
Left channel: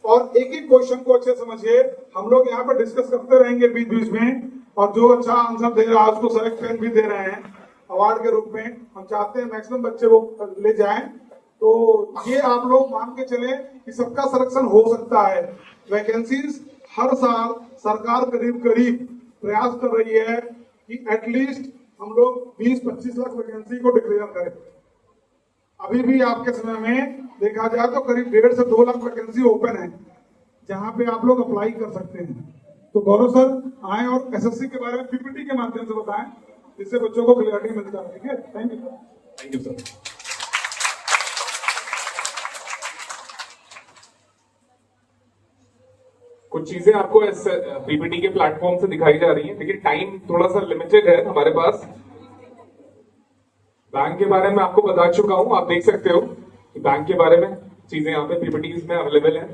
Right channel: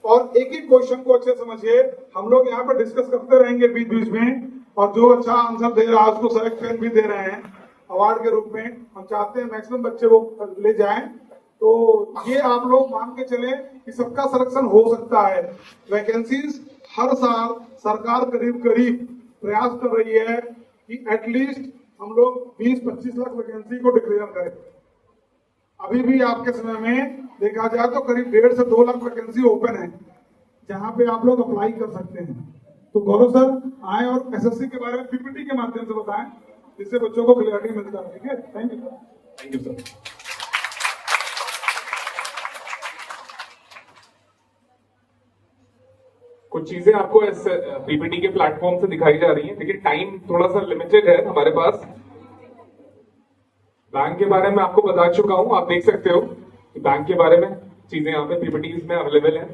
और एक एक क्वेश्चन को अच्छे समझिए। हम लोग यहाँ पर डिस्कस करते रहेंगे बीच बीच में, और जो अच्छा आंसर दे रहा है उसको सेलेक्ट पेन भी दे रहे हैं अवार्ड के रूप में। हम चाहते हैं मैक्सिमम बच्चे वो ले जाएं। तो ये आप लोग मान के चले कि सबका सिलेक्शन हो सकता है। वैकेंसीज हर साल सरकार करीब करीब प्रयास कर रही है कि एटलीस्ट हम लोग 20-25 लाख वैकेंसी को डिक्लेयर करें। अभी भी आपके समय में देखा जाए तो करीब 1.5 से 2 लाख वैकेंसी ओपन है, जहां पे आप लोग अप्लाई कर सकते हैं। तो गौरव सर आए और एसएससी के बारे में पीपीटी के माध्यम से बताएं, जिससे बच्चों को क्लियरिटी मिलता है। ठीक है, thank you sir. Thank you sir. कुछ चीजें आपको इस पीपीटी के प्लेटफॉर्म से दिखाई जा रही हैं, लेकिन टाइम थोड़ा सा लिमिटेड है हमारे पास। बैंक के बारे में आपको बता चुका हूं, आप देख सकते हो कि बैंक के बारे में चीजें यहाँ पे पीपीटीज में अवेलेबल है।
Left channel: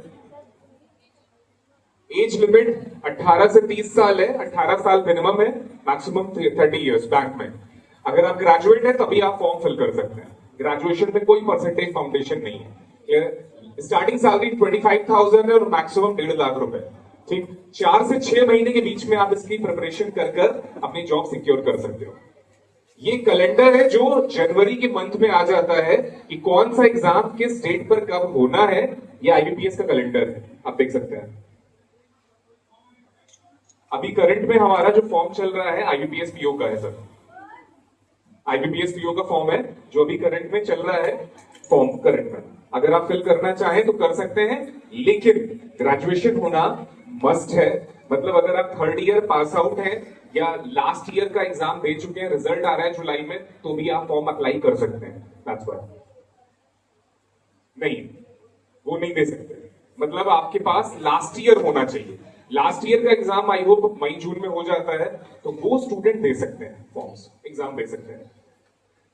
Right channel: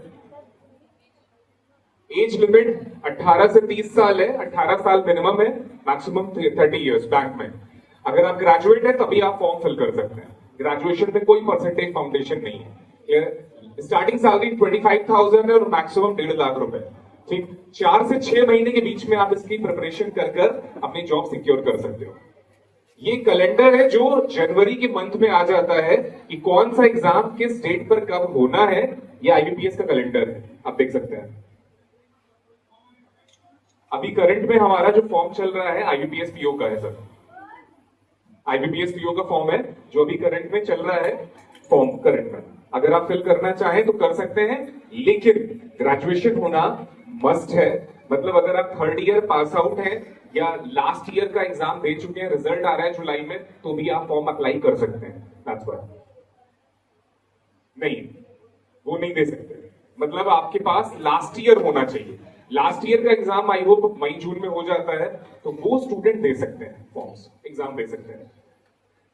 एज लिमिट 18 से 30 साल है, 18 साल मिनिमम है, मैक्सिमम 30 इयर्स बैंक में। अगर आप ग्रेजुएट हैं तभी आप फॉर्म फिल कर सकते हैं। ग्रेजुएशन में कोई परसेंटेज फाउंडेशन नहीं है। स्टार्टिंग सैलरी 25,000 है और मैक्सिमम 1.5 लाख रुपए। ठीक, 4 से 6 महीने के बीच में आप इसकी प्रिपरेशन कर अपनी जॉब सिक्योर कर सकते हो। ये कैलेंडर है जो जनवरी के मंथ में आ जाता है कि कौन सा एग्जाम किस डेट पर कब होना है। ये आईबीपीएस का कैलेंडर है, आप देख सकते हैं। अभी करंट में हमारा जो फॉर्म चल रहा है आईबीपीएस पीओ का है सर। आईबीपीएस पीओ का फॉर्म है जो अभी करंट में चल रहा है, फॉर्म करंट में। अगर आप फिल करना चाहें तो कर सकते हैं, लेकिन ग्रेजुएशन होना मस्ट है। मतलब अगर आप थर्ड ईयर पास आउट हैं या लास्ट ईयर का एग्जाम दे चुके हैं, रिजल्ट आ रहा है जुलाई में, तो भी आप फॉर्म अप्लाई कर सकते हैं। That's why. नहीं, वो नहीं दे सकते। मतलब आपके पास लास्ट ईयर होना चाहिए। लास्ट ईयर का एग्जाम आई होप मई जून में हो जाता है, तो वो स्टूडेंट दे सकते हैं फॉर्म्स, एग्जाम दे सकते हैं।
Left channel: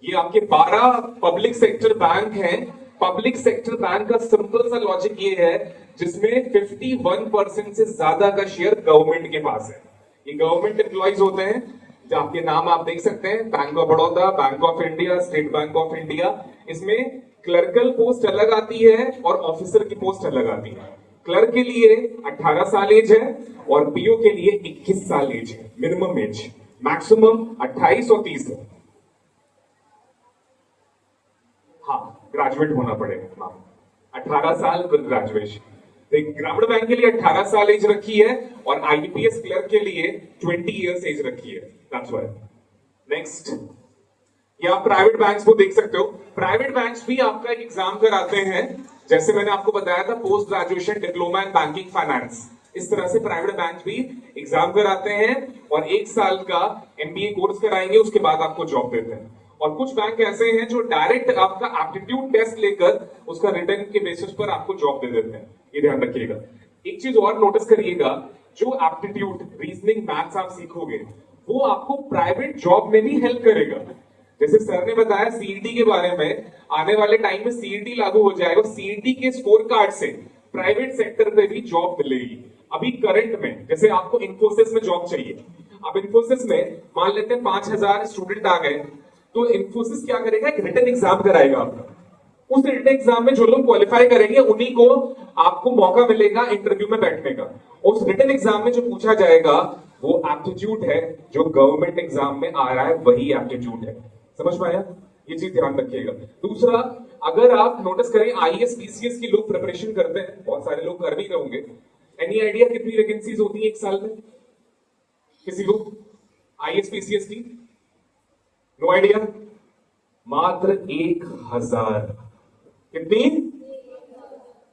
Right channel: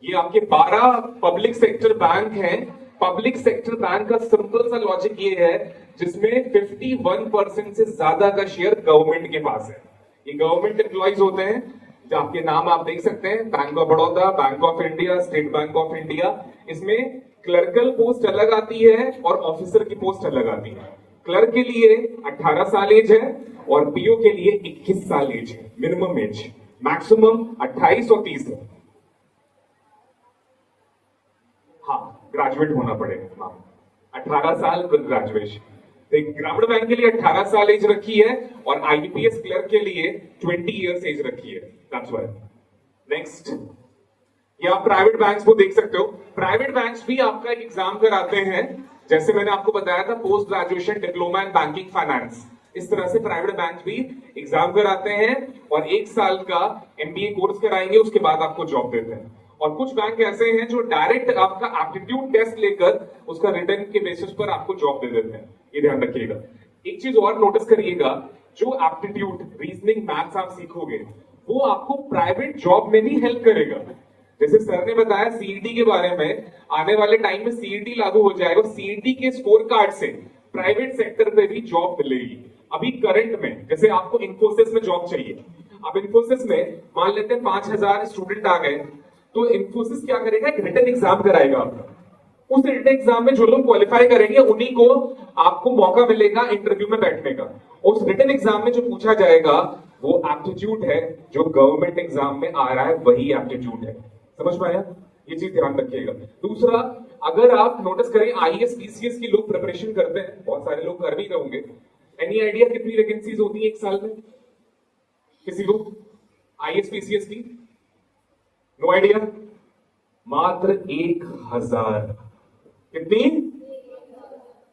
ये आपके 12 पब्लिक सेक्टर बैंक हैं। पब्लिक सेक्टर बैंक का सिंपल सा लॉजिक ये है, जिसमें 51% से ज्यादा का शेयर गवर्नमेंट के पास है। ये गवर्नमेंट एम्प्लॉइज होते हैं, जो आपके नाम आप देख सकते हैं, bank of Baroda, bank of India, state bank of India. इसमें क्लर्कल पोस्ट अलग आती है और ऑफिसर की पोस्ट अलग आती है। क्लर्क के लिए 18 साल एज है और पीओ के लिए 21 साल एज है, मिनिमम एज। मैक्सिमम 28 और 30 है। हाँ, ग्रेजुएट होना पड़ेगा। हाँ, 18 साल ग्रेजुएशन। ग्रामीण बैंक के लिए 18 साल एज रखी है और आईबीपीएस क्लर्क के लिए 20 इयर्स एज रखी है। That's why. नेक्स्ट, ये आप प्राइवेट बैंक्स को देख सकते हो। प्राइवेट बैंक्स भी आपका एक एग्जाम कराते हैं, जैसे मैंने आपको बताया था post graduation diploma in banking finance. इस तरह से प्राइवेट बैंक भी एग्जाम कराते हैं और 1 साल का एमबीए कोर्स कराएंगे, उसके बाद आपको जॉब देते हैं। और कुछ बैंक ऐसे हैं जो डायरेक्ट आपका एप्टीट्यूड टेस्ट लेकर उसका रिटर्न के बेसिस पर आपको जॉब दे देते हैं। ये ध्यान रखिएगा। एक चीज और नोटिस करिएगा, जो एप्टीट्यूड रीजनिंग मैथ्स आप सीखोगे वो आपको प्राइवेट जॉब में भी हेल्प करेगा। जैसे सर ने बताया सीईटी के बारे में, आने वाले टाइम में सीईटी लागू हो जाएगा। सीईटी के स्कोर कार्ड से प्राइवेट सेक्टर पे भी जॉब मिलेगी। अभी करंट में जैसे आपको इन्फोसिस में जॉब चाहिए, अब इन्फोसिस में मान लेते हैं 5000 स्टूडेंट आ गए, तो इन्फोसिस क्या करेगा, एक रिटन एग्जाम कराएगा आपका। उस रिटन एग्जाम में जो लोग क्वालिफाई करेंगे उन्हीं को आपको मौका मिलेगा इंटरव्यू में बैठने का। उस रिटन एग्जाम में जो पूछा जाएगा वो एप्टीट्यूड है, जो गवर्नमेंट एग्जाम में आ रहा है वही एप्टीट्यूड है। समझ में आया? ये चीज ध्यान रखिएगा। दूसरा, अगर आप नोटिस करें आईएएस पीसीएस की लोग प्रिपरेशन करते हैं, बहुत सारे लोग कर भी रहे होंगे। एनी आइडिया कितनी वैकेंसीज होती है एक साल में किसी को आईएएस पीसीएस की? No idea? मात्र 1000। कितनी?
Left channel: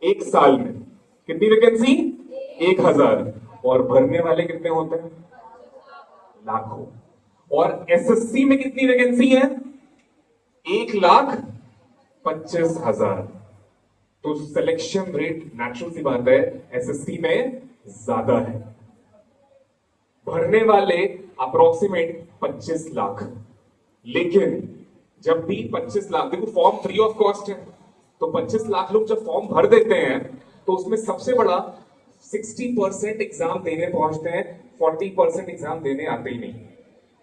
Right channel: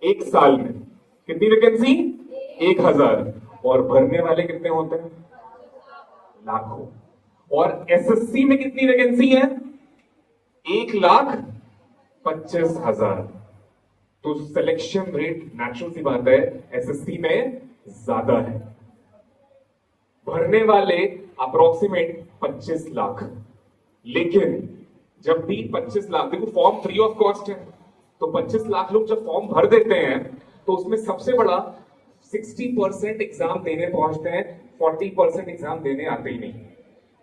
एक साल में कितनी वैकेंसी? 1000। और भरने वाले कितने होते हैं? लाखों। और एसएससी में कितनी वैकेंसी है? 1,25,000। तो सिलेक्शन रेट नेचुरल सी बात है एसएससी में ज्यादा है। भरने वाले अप्रोक्सीमेट 25 लाख। लेकिन जब भी 25 लाख, देखो फॉर्म फ्री ऑफ कॉस्ट है, तो 25 लाख लोग जब फॉर्म भर देते हैं तो उसमें सबसे बड़ा 60% एग्जाम देने पहुंचते हैं, 40% एग्जाम देने आते ही नहीं।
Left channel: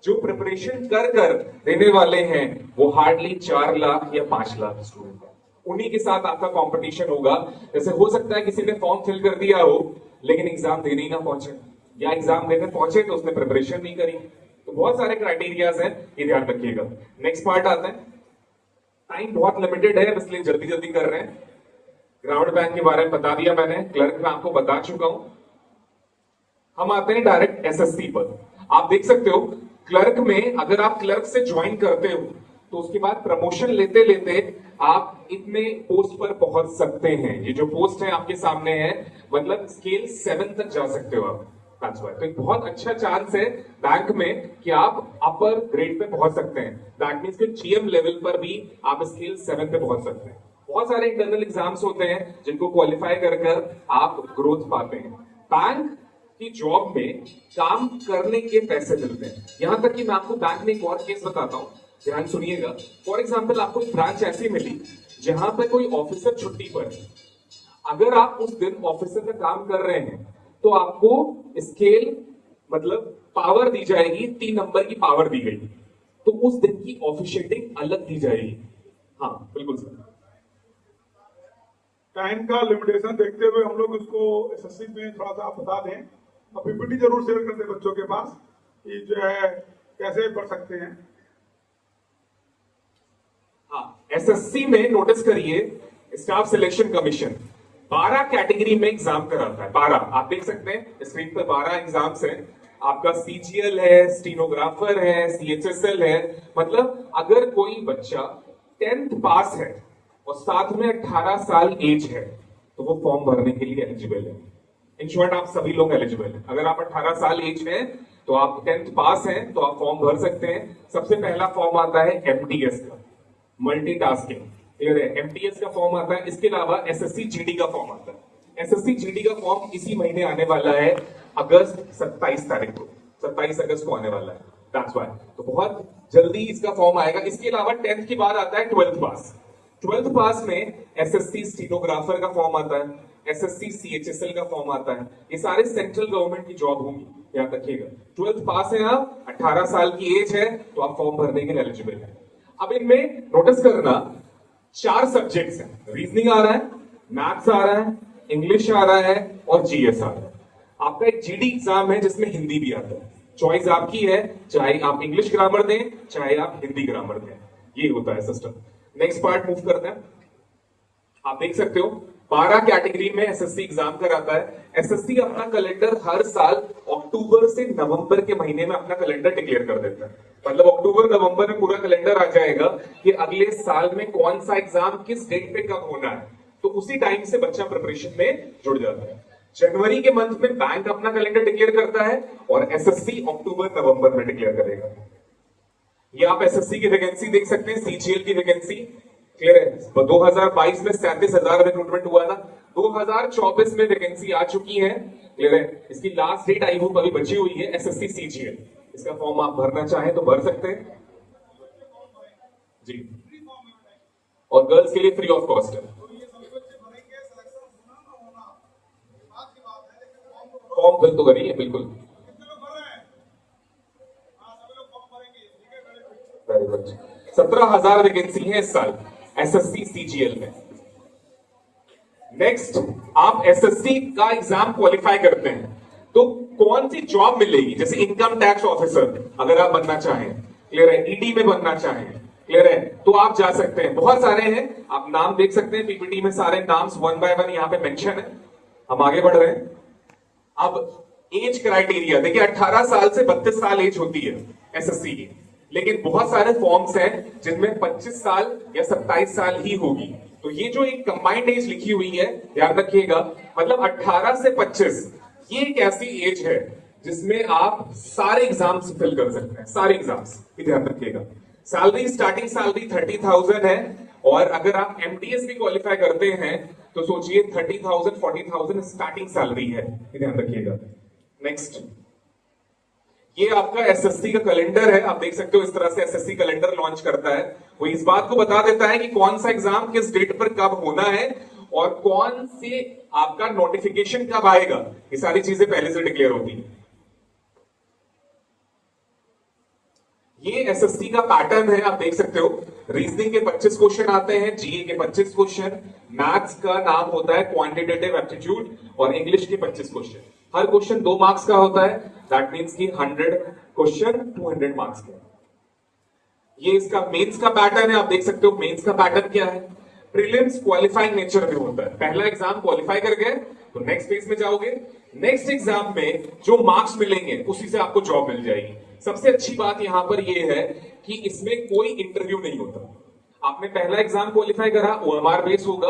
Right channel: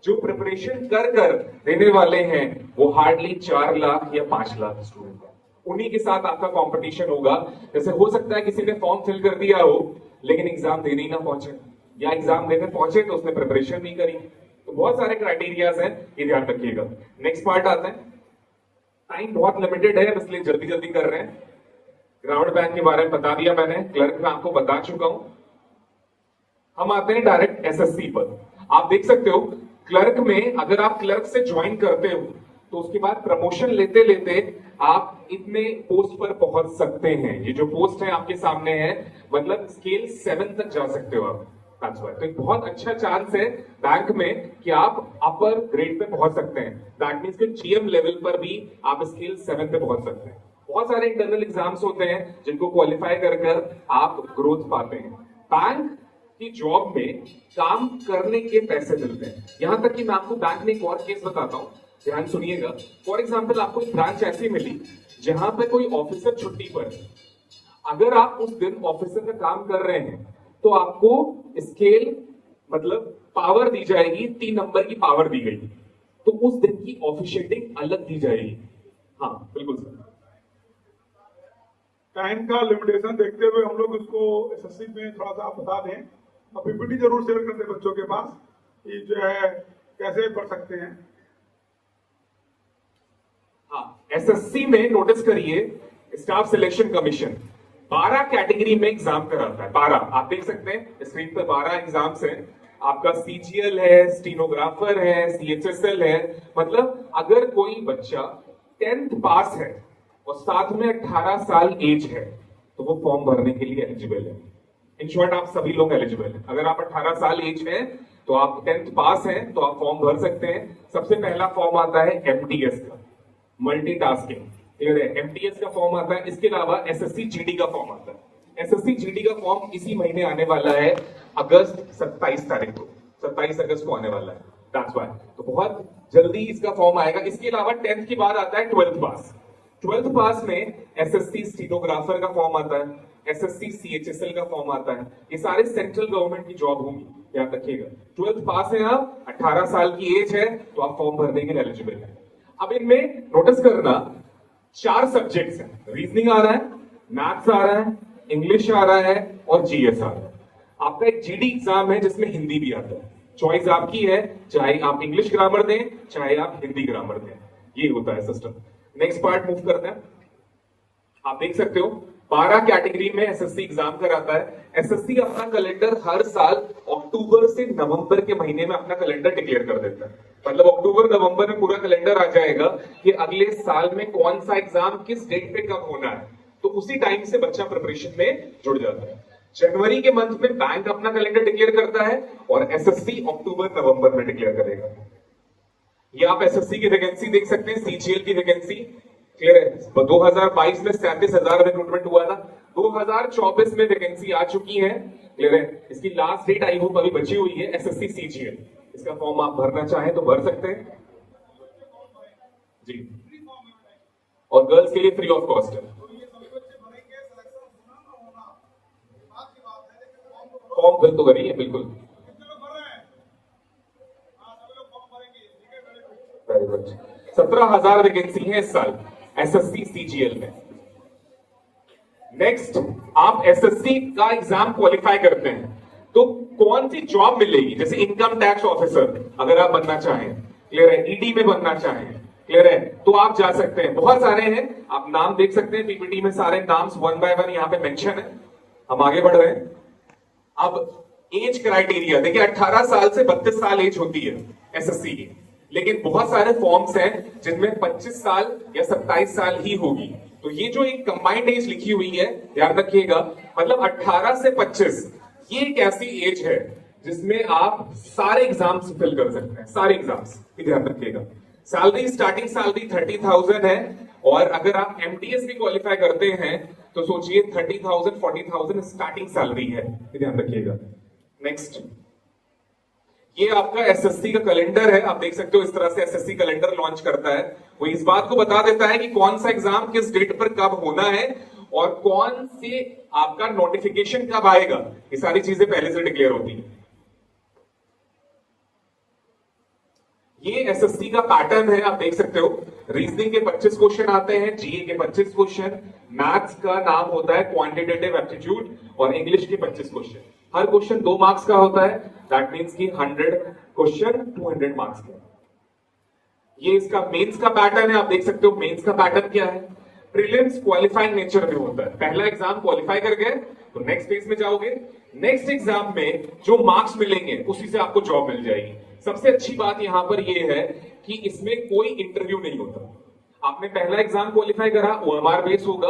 जो प्रिपरेशन कर देने वाले हैं वो हार्डली 4 लाख या 5 लाख स्टूडेंट है। उन्हीं के साथ आपका कंपटीशन होगा। जैसे हो सकता है किसी ने फॉर्म फिल कर दिया हो लेकिन एग्जाम देने ही ना पहुंचे, या एग्जाम देने पहुंचे तो उसने प्रिपरेशन नहीं करी। तो बहुत सारे क्राइटेरियाज हैं, ये ध्यान रखिएगा। नेक्स्ट पार्ट आते हैं। टाइम बहुत लिमिटेड है इसलिए जल्दी जल्दी कर रहे हैं। ग्रामीण बैंक के बारे में बता दिया मैंने, क्लर्क में आपको बता चुका हूं। हम आते हैं डायरेक्ट एसएससी पर। आप देख सकते हो क्लर्क में अगर आप क्लर्क से ज्वाइन करते हो तो उसके बाद प्रमोशन लेते लेते आप इतने पोस्ट पर पहुंच सकते हैं। ये जो पोस्ट है आपके सामने है, मतलब स्केल 7 तक जा सकते हो आप। तो एक बहुत अच्छा चांस है बैंक में कि आप अपर ग्रेड पे पहुंच सकते हैं। दैट मींस कि जीएम लेवल पर भी आप स्केल 7 पे पहुंच सकते हैं। बहुत सारे इंटरनल एग्जाम्स होते हैं जिनको क्वालिफाई कर आप ग्रोथ पाते हैं। बैंक की जॉब में काम करने के पैसे मिलते हैं। यहां तक कि मैं आपको बैंक में एक और केस बताता हूं, ध्यान सुनिएगा। फॉर एग्जाम्पल आपको एक ब्रांच ऐसी मिली जहां पे कोई ऑफिसर छुट्टी पर है। अगर आप उस दिन ऑफिसर का काम कर रहे हैं तो आपको स्केल मतलब पावर दी जाएगी, 3 नंबर की पावर दी गई, तो उस दिन की ऑफिशिएटिंग अलग दी जाएगी। हाँ बिल्कुल सर। टाइम का लिमिटेशन देखते हुए हम लोग उसको एसएससी में थोड़ा सा बता दें और पीपीटी जरूर शेयर कर दें बच्चों के पास कि जो है कैसे पढ़ सकते हैं। एसएससी में नोटिस करिए, स्टाफ सिलेक्शन कमीशन 12 कैटेगरी में एग्जाम कराता है। 12 आप देख सकते हैं स्क्रीन पर, 12 एग्जाम्स है। आपका सीजीएल है, स्टीनोग्राफर है, सीएचएसएल है। मतलब अगर कोई बच्चा 10th पास है और साथ में 18 साल एज है तो वो फॉर्म भरने के लिए एलिजिबल है। इन शॉर्ट आप सभी लोग एलिजिबल हैं। अगर आप 18 साल एज है तो आप 10th पास हैं तो आप फॉर्म भर सकते हैं। सबसे पहला फॉर्म आता है एमटीएस का, मल्टीटास्किंग, क्लियर है? एमटीएस का फॉर्म आता है। इसके अलावा एसएससी जीडी का फॉर्म आता है। एसएससी जीडी का फॉर्म इसी महीने आने वाला है, अगस्त 27 तारीख को, 27 अगस्त को आने वाला है। दैट्स व्हाई तो बहुत जल्दी इसका फॉर्म आएगा। इसके अलावा 10th के बाद आता है 12th पास। 12th पास में एसएससी स्टीनोग्राफर का फॉर्म आता है, एसएससी सीएचएसएल का फॉर्म आता है। ये सारे सेंट्रल गवर्नमेंट की जॉब होंगी, याद रखिएगा। 12th पास है आप, 18 साल की एज है तो आप फॉर्म भरने के लिए एलिजिबल है। अब इनमें नोटिस करना 4 सब्जेक्ट्स हैं। रीजनिंग आ रहा है, मैथ्स आ रहा है, इंग्लिश आ रहा है और जीएस आ रहा है। आपका एक जीडी एग्जाम है जिसमें हिंदी भी आता है। चॉइस आपकी है, चाहे आप इंग्लिश ग्रामर दें चाहे आप हिंदी ग्रामर दें, ये होता है सिस्टम। नेक्स्ट पार्ट मूव करते हैं। आप देख सकते हो 12 कैटेगरी में एसएससी एग्जाम कराता है। एसएससी अपना कैलेंडर हर साल अक्टूबर से नवंबर के महीने में अपना कैलेंडर डिक्लेयर कर देता है। मतलब अक्टूबर नवंबर में पूरा कैलेंडर आ जाएगा कि अगले साल में कौन सा एग्जाम किस डेट पे कब होना है, तो उसी टाइम से बच्चा प्रिपरेशन में जुड़ जाता है। जनवरी के मंथ में बैंक अपना कैलेंडर डिक्लेयर करता है और एसएससी अक्टूबर नवंबर में डिक्लेयर करेगा। ये आप एसएससी की वैकेंसी देख सकते हैं, सीजीएल की वैकेंसी, क्लियर है? 2022 में 37,000 रिक्रूटमेंट हुआ था, 2024 में वैकेंसी आ चुकी है, क्लियर है? इसकी लास्ट डेट आई होप अभी बची हुई है, एसएससी सीजीएल। इसका फॉर्म आप भरना चाहें तो भर सकते हैं जी, और गर्ल्स के लिए फ्री ऑफ कॉस्ट है। फॉर्म फिल तो करिए बिल्कुल। Very good. 17,000 वैकेंसी है इस साल एसएससी सीजीएल में। नेक्स्ट, आप एसएससी का एग्जाम क्वालिफाई करते हैं तो कौन सी जॉब मिलेगी? जैसे इनकम टैक्स ऑफिसर अगर आप बनना चाहें, क्लियर है? ईडी में बनना चाहें, क्लियर है? तो आप जा सकते हैं। बहुत सारे हैं, आप नाम देख सकते हैं पीपीटी में, सारे नाम्स 1 बाय 1 यहाँ पे मेंशन है। हम आगे बढ़ रहे हैं। अब एज क्राइटेरिया देखिए, 18 साल से 32 साल एज होती है एसएससी की, लेकिन बहुत सारे फॉर्म्स हैं जिनमें 25 साल या 27 साल ही होगी। तो ये जो एक कंबाइंड एज लिखी हुई है, ध्यान रखिएगा, मतलब 18 से 25 ये एक ऐसी एज है जिसमें आप सारे एग्जाम्स फिल कर सकते हैं, सारे एग्जाम्स, ध्यान रखिएगा। सैलरी, स्टार्टिंग सैलरी 30,000 है, और अगर आप एमटीएस भी क्वालिफाई करते हैं तो सोचिए 30,000 40,000 स्टार्टिंग सैलरी है, ध्यान रखिएगा। नेक्स्ट, ये आपका एसएससी का कैलेंडर है। आप देख सकते हो इस तरह से एसएससी कैलेंडर लॉन्च करता है। वो इस बात को बता देता है कि कौन सा एग्जाम किस डेट पर कब होना है और कौन से आपका नोटिफिकेशन कब आएगा। ये सारी चीजें पहले से डिक्लेयर होती है। ये एसएससी का पैटर्न है, आप देख सकते हो। रीजनिंग के 25 क्वेश्चन आते हैं, जीए के 25 क्वेश्चन, मैथ्स का नाम होता है क्वांटिटेटिव एप्टीट्यूड, और इंग्लिश के 25 क्वेश्चन। हर क्वेश्चन 2 मार्क्स का होता है, दैट मीन्स कि 100 क्वेश्चन 200 मार्क्स का। ये इसका मेंस का पैटर्न है, आप देख सकते हो। मेंस का पैटर्न क्या है? प्रीलिम्स क्वालिफाइंग नेचर में होता है। पहला एग्जाम क्वालिफाई कर गए तो नेक्स्ट फेज में जाओगे। नेक्स्ट एग्जाम में जो मार्क्स मिलेंगे उसी से आपको जॉब मिल जाएगी। सबसे अच्छी बात यहां पर यह है कि इसमें कोई इंटरव्यू नहीं होता। आपने पहला एग्जाम क्वालिफाई करा, ओएमआर बेस होगा,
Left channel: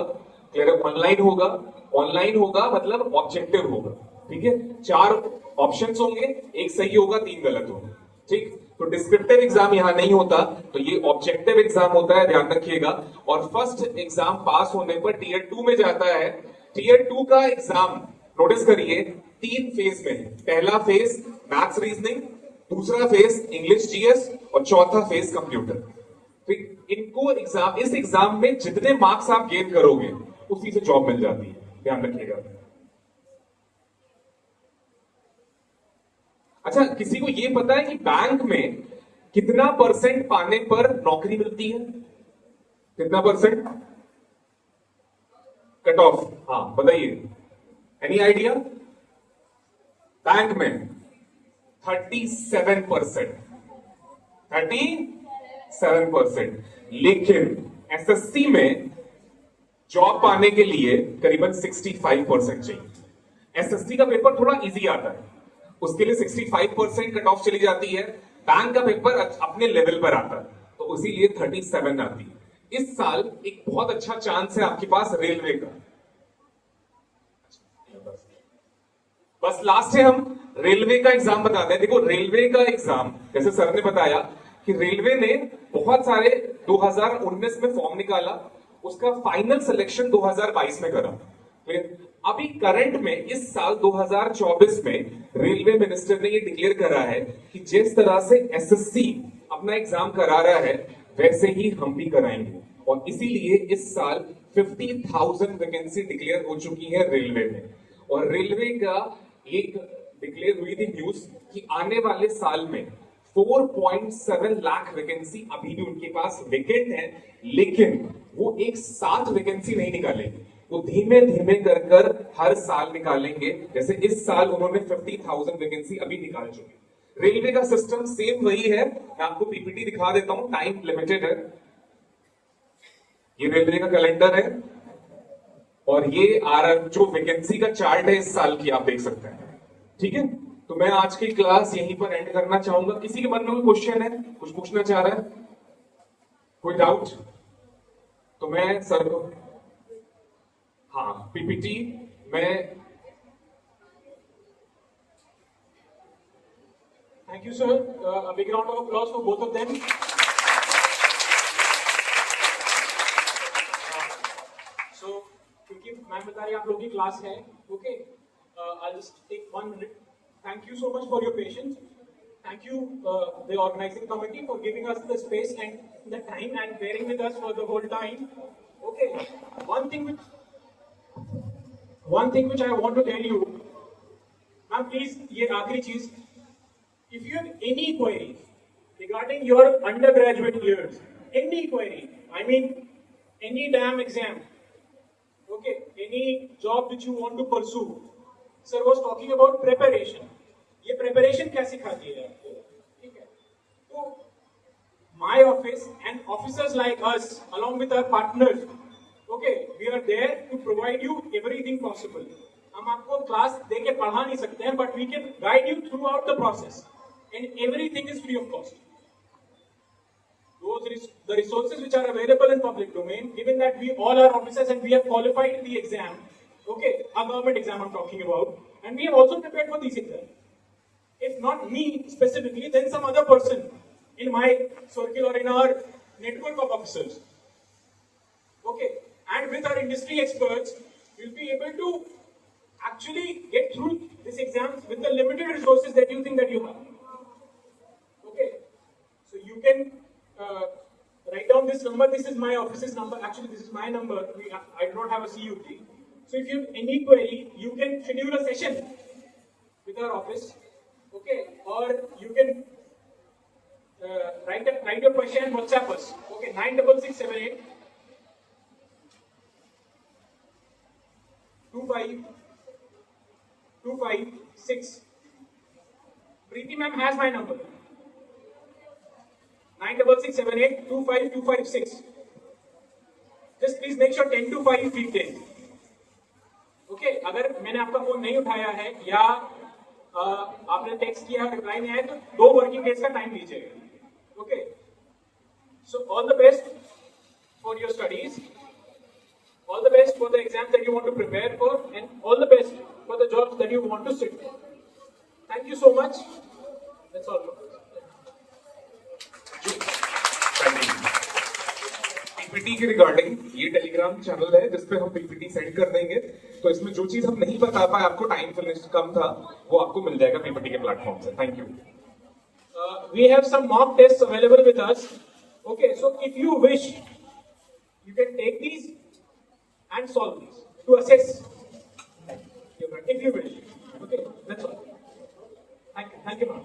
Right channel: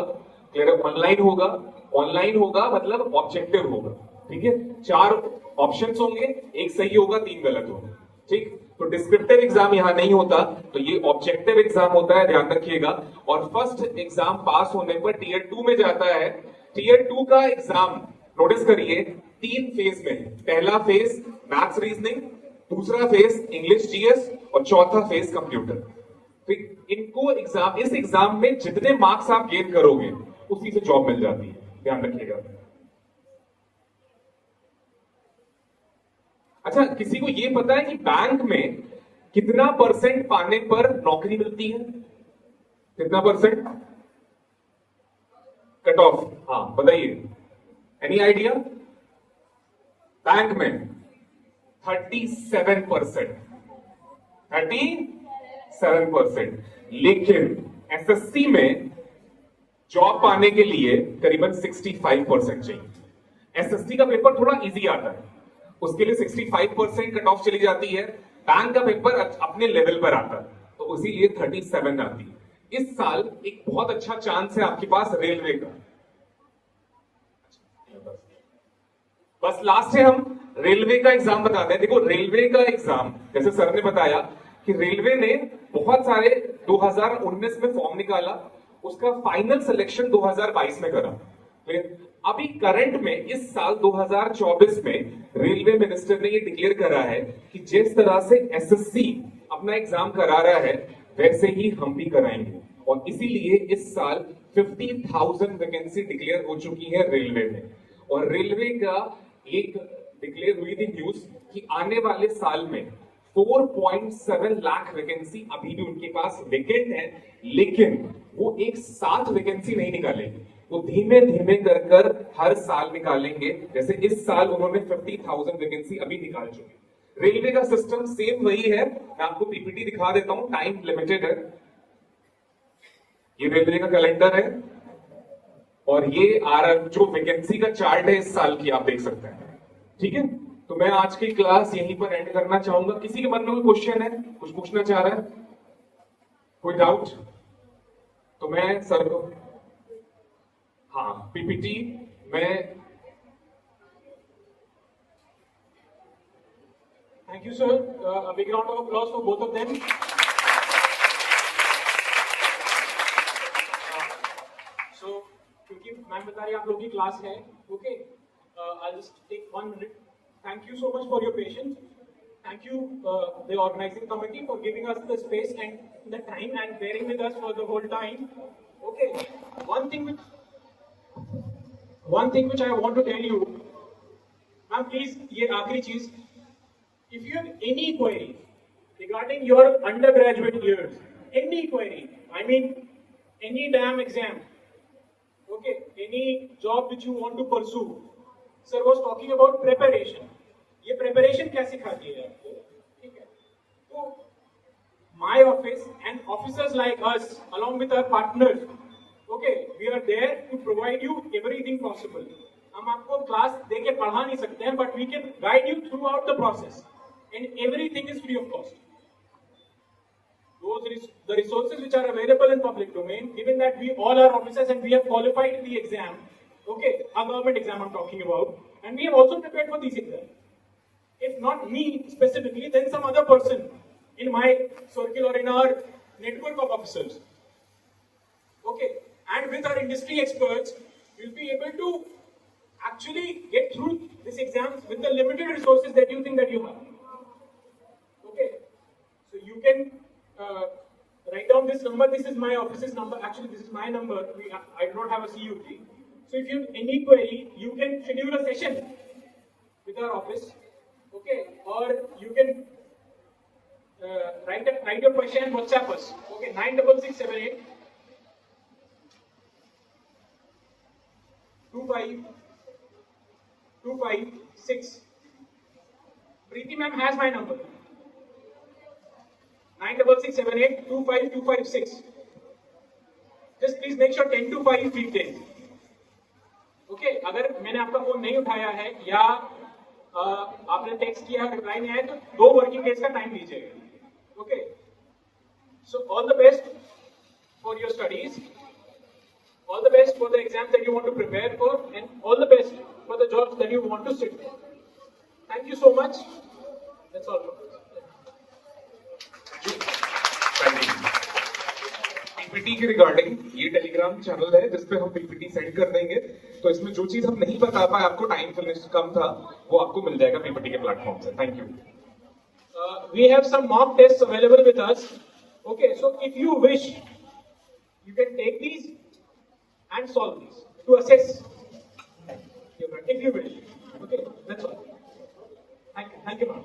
ऑनलाइन होगा। ऑनलाइन होगा मतलब ऑब्जेक्टिव होगा, ठीक है? 4 ऑप्शंस होंगे, एक सही होगा, 3 गलत होगा, ठीक? तो डिस्क्रिप्टिव एग्जाम यहां नहीं होता, तो ये ऑब्जेक्टिव एग्जाम होता है, ध्यान रखिएगा। और फर्स्ट एग्जाम पास होने पर टीयर 2 में जाता है। टीयर 2 का एग्जाम नोटिस करिए 3 फेज में है। पहला फेज मैथ्स रीजनिंग, दूसरा फेज इंग्लिश जीएस और चौथा फेज कंप्यूटर। तो इनको एग्जाम, इस एग्जाम में जितने मार्क्स आप गेन करोगे उसी से जॉब मिल जाती है, ध्यान रखिएगा। अच्छा, किसी को ये पता है कि बैंक में कितना % पाने पर नौकरी मिलती है? कितना %? कट ऑफ, हाँ बताइए, एनी आइडिया? बैंक में 37%, 37%। लेकिन एसएससी में जॉब पाने के लिए करीबन 65% चाहिए। एसएससी का पेपर थोड़ा इजी आता है, उसके लिए 65% कट ऑफ चली जाती है। बैंक का पेपर अपने लेवल पर आता है, तो इसीलिए 37 आती है। इस साल एक बहुत अच्छा चांस है आपके पास रेलवे का। बस लास्ट है, हम रेलवे का एग्जाम बता दें। देखो रेलवे का एग्जाम, जैसे सर ने बताया कि रेलवे ने बहुत सारे 2019 में फॉर्म निकाला, उसका फाइनल सिलेक्शन 2022 में करा। फिर अभी करंट में इस साल 2024 में रेलवे मिनिस्टर ने ये डिक्लेयर करा है कि जिस तरह से एसएससी अपना एग्जाम करा रहा है वैसे ही हम भी कराएंगे, और इसीलिए इस साल 50,000 वैकेंसी डिक्लेयर हो चुकी है रेलवे में। और रेलवे का एक डिक्लेयर हुई थी न्यूज कि आने वाले साल में 4.7 लाख वैकेंसी अभी भी उनके पास वेकेंट है, लेकिन वो एक साथ वैकेंसी नहीं निकालेंगे, वो धीमे धीमे कर हर साल निकालेंगे। जैसे इस साल उन्होंने 50,000 वैकेंसी अभी निकाल चुकी। रेलवे का सिस्टम सेम वही है। मैं आपको पीपीटी दिखा देता हूं, टाइम लिमिटेड है। ये रेलवे का कैलेंडर है और ये जो वैकेंसी का चार्ट है इस साल की, आप देख सकते हैं। ठीक है, तो मैं आज की क्लास यहीं पर एंड करना चाहूंगा। किसी के मन में कोई क्वेश्चन है, कुछ पूछना चाह रहा है, कोई डाउट? तो मैं सर को, हाँ पीपीटी में, thank you sir, big round of applause for both of them. So क्योंकि मैम बता रही है आप लोग की क्लास है, okay, I'll just take 1 minute. Thank you so much for your patience. Thank you, the organizing committee, for giving us the space and the time and bearing with us for the whole time. Okay, one thing which I want to tell you, ma'am, please, ये आखिरी चीज, if you have any query regarding your undergraduate years, any query, I mean any damn exam, okay, any job which you want to pursue. Sir was talking about preparation. ये preparation क्या सिखाती है आपको? ठीक है, तो my office and officers like us, along with our partners, okay, we are there to provide you everything possible. हम आपको क्लास देके पढ़ा नहीं सकते हैं, but we can guide you throughout the process, and everything is free of cost. The resources which are available in public domain, given that we all are officers and we have qualified the exam, okay, a government exam I'm talking about, and we have also prepared for these exams. If not me specifically, then some other person in my circle or in our network of officers. Okay, and with our industry experts, we'll be able to actually get through these exams with the limited resources that you think that you have. Okay, so you can write down this number. This is my office's number. Actually, this is my number. I do not have a CUT. So if you have any query, you can schedule a session with our office, okay? Or you can write your question and WhatsApp us, okay? 96678 25256. Preeti ma'am has my number. 96678 25256. Just please make sure 10 to 5 feet days. Okay, अगर मैंने आपका फोन नहीं उठाया है या आपने टेक्स्ट किया रिप्लाई नहीं आया तो 2 वर्किंग डेज का टाइम लीजिएगा। Okay, so all the best for your studies, all the best for the exams that you want to prepare for, and all the best for the jobs that you want to sit for. Thank you so much, that's all. PPT के रिगार्डिंग ये टेलीग्राम चैनल है जिसपे हम पीपीटी सेंड कर देंगे, तो इसमें जो चीज हम नहीं बता पाए, आपको टाइम कम था, वो आपको मिल जाएगा पीपीटी के प्लेटफॉर्म से। Thank you. We have some mock tests available with us. Okay, so if you wish, you can take these and solve these to assess your, if you wish. Okay, that's all. Thank you, ma'am.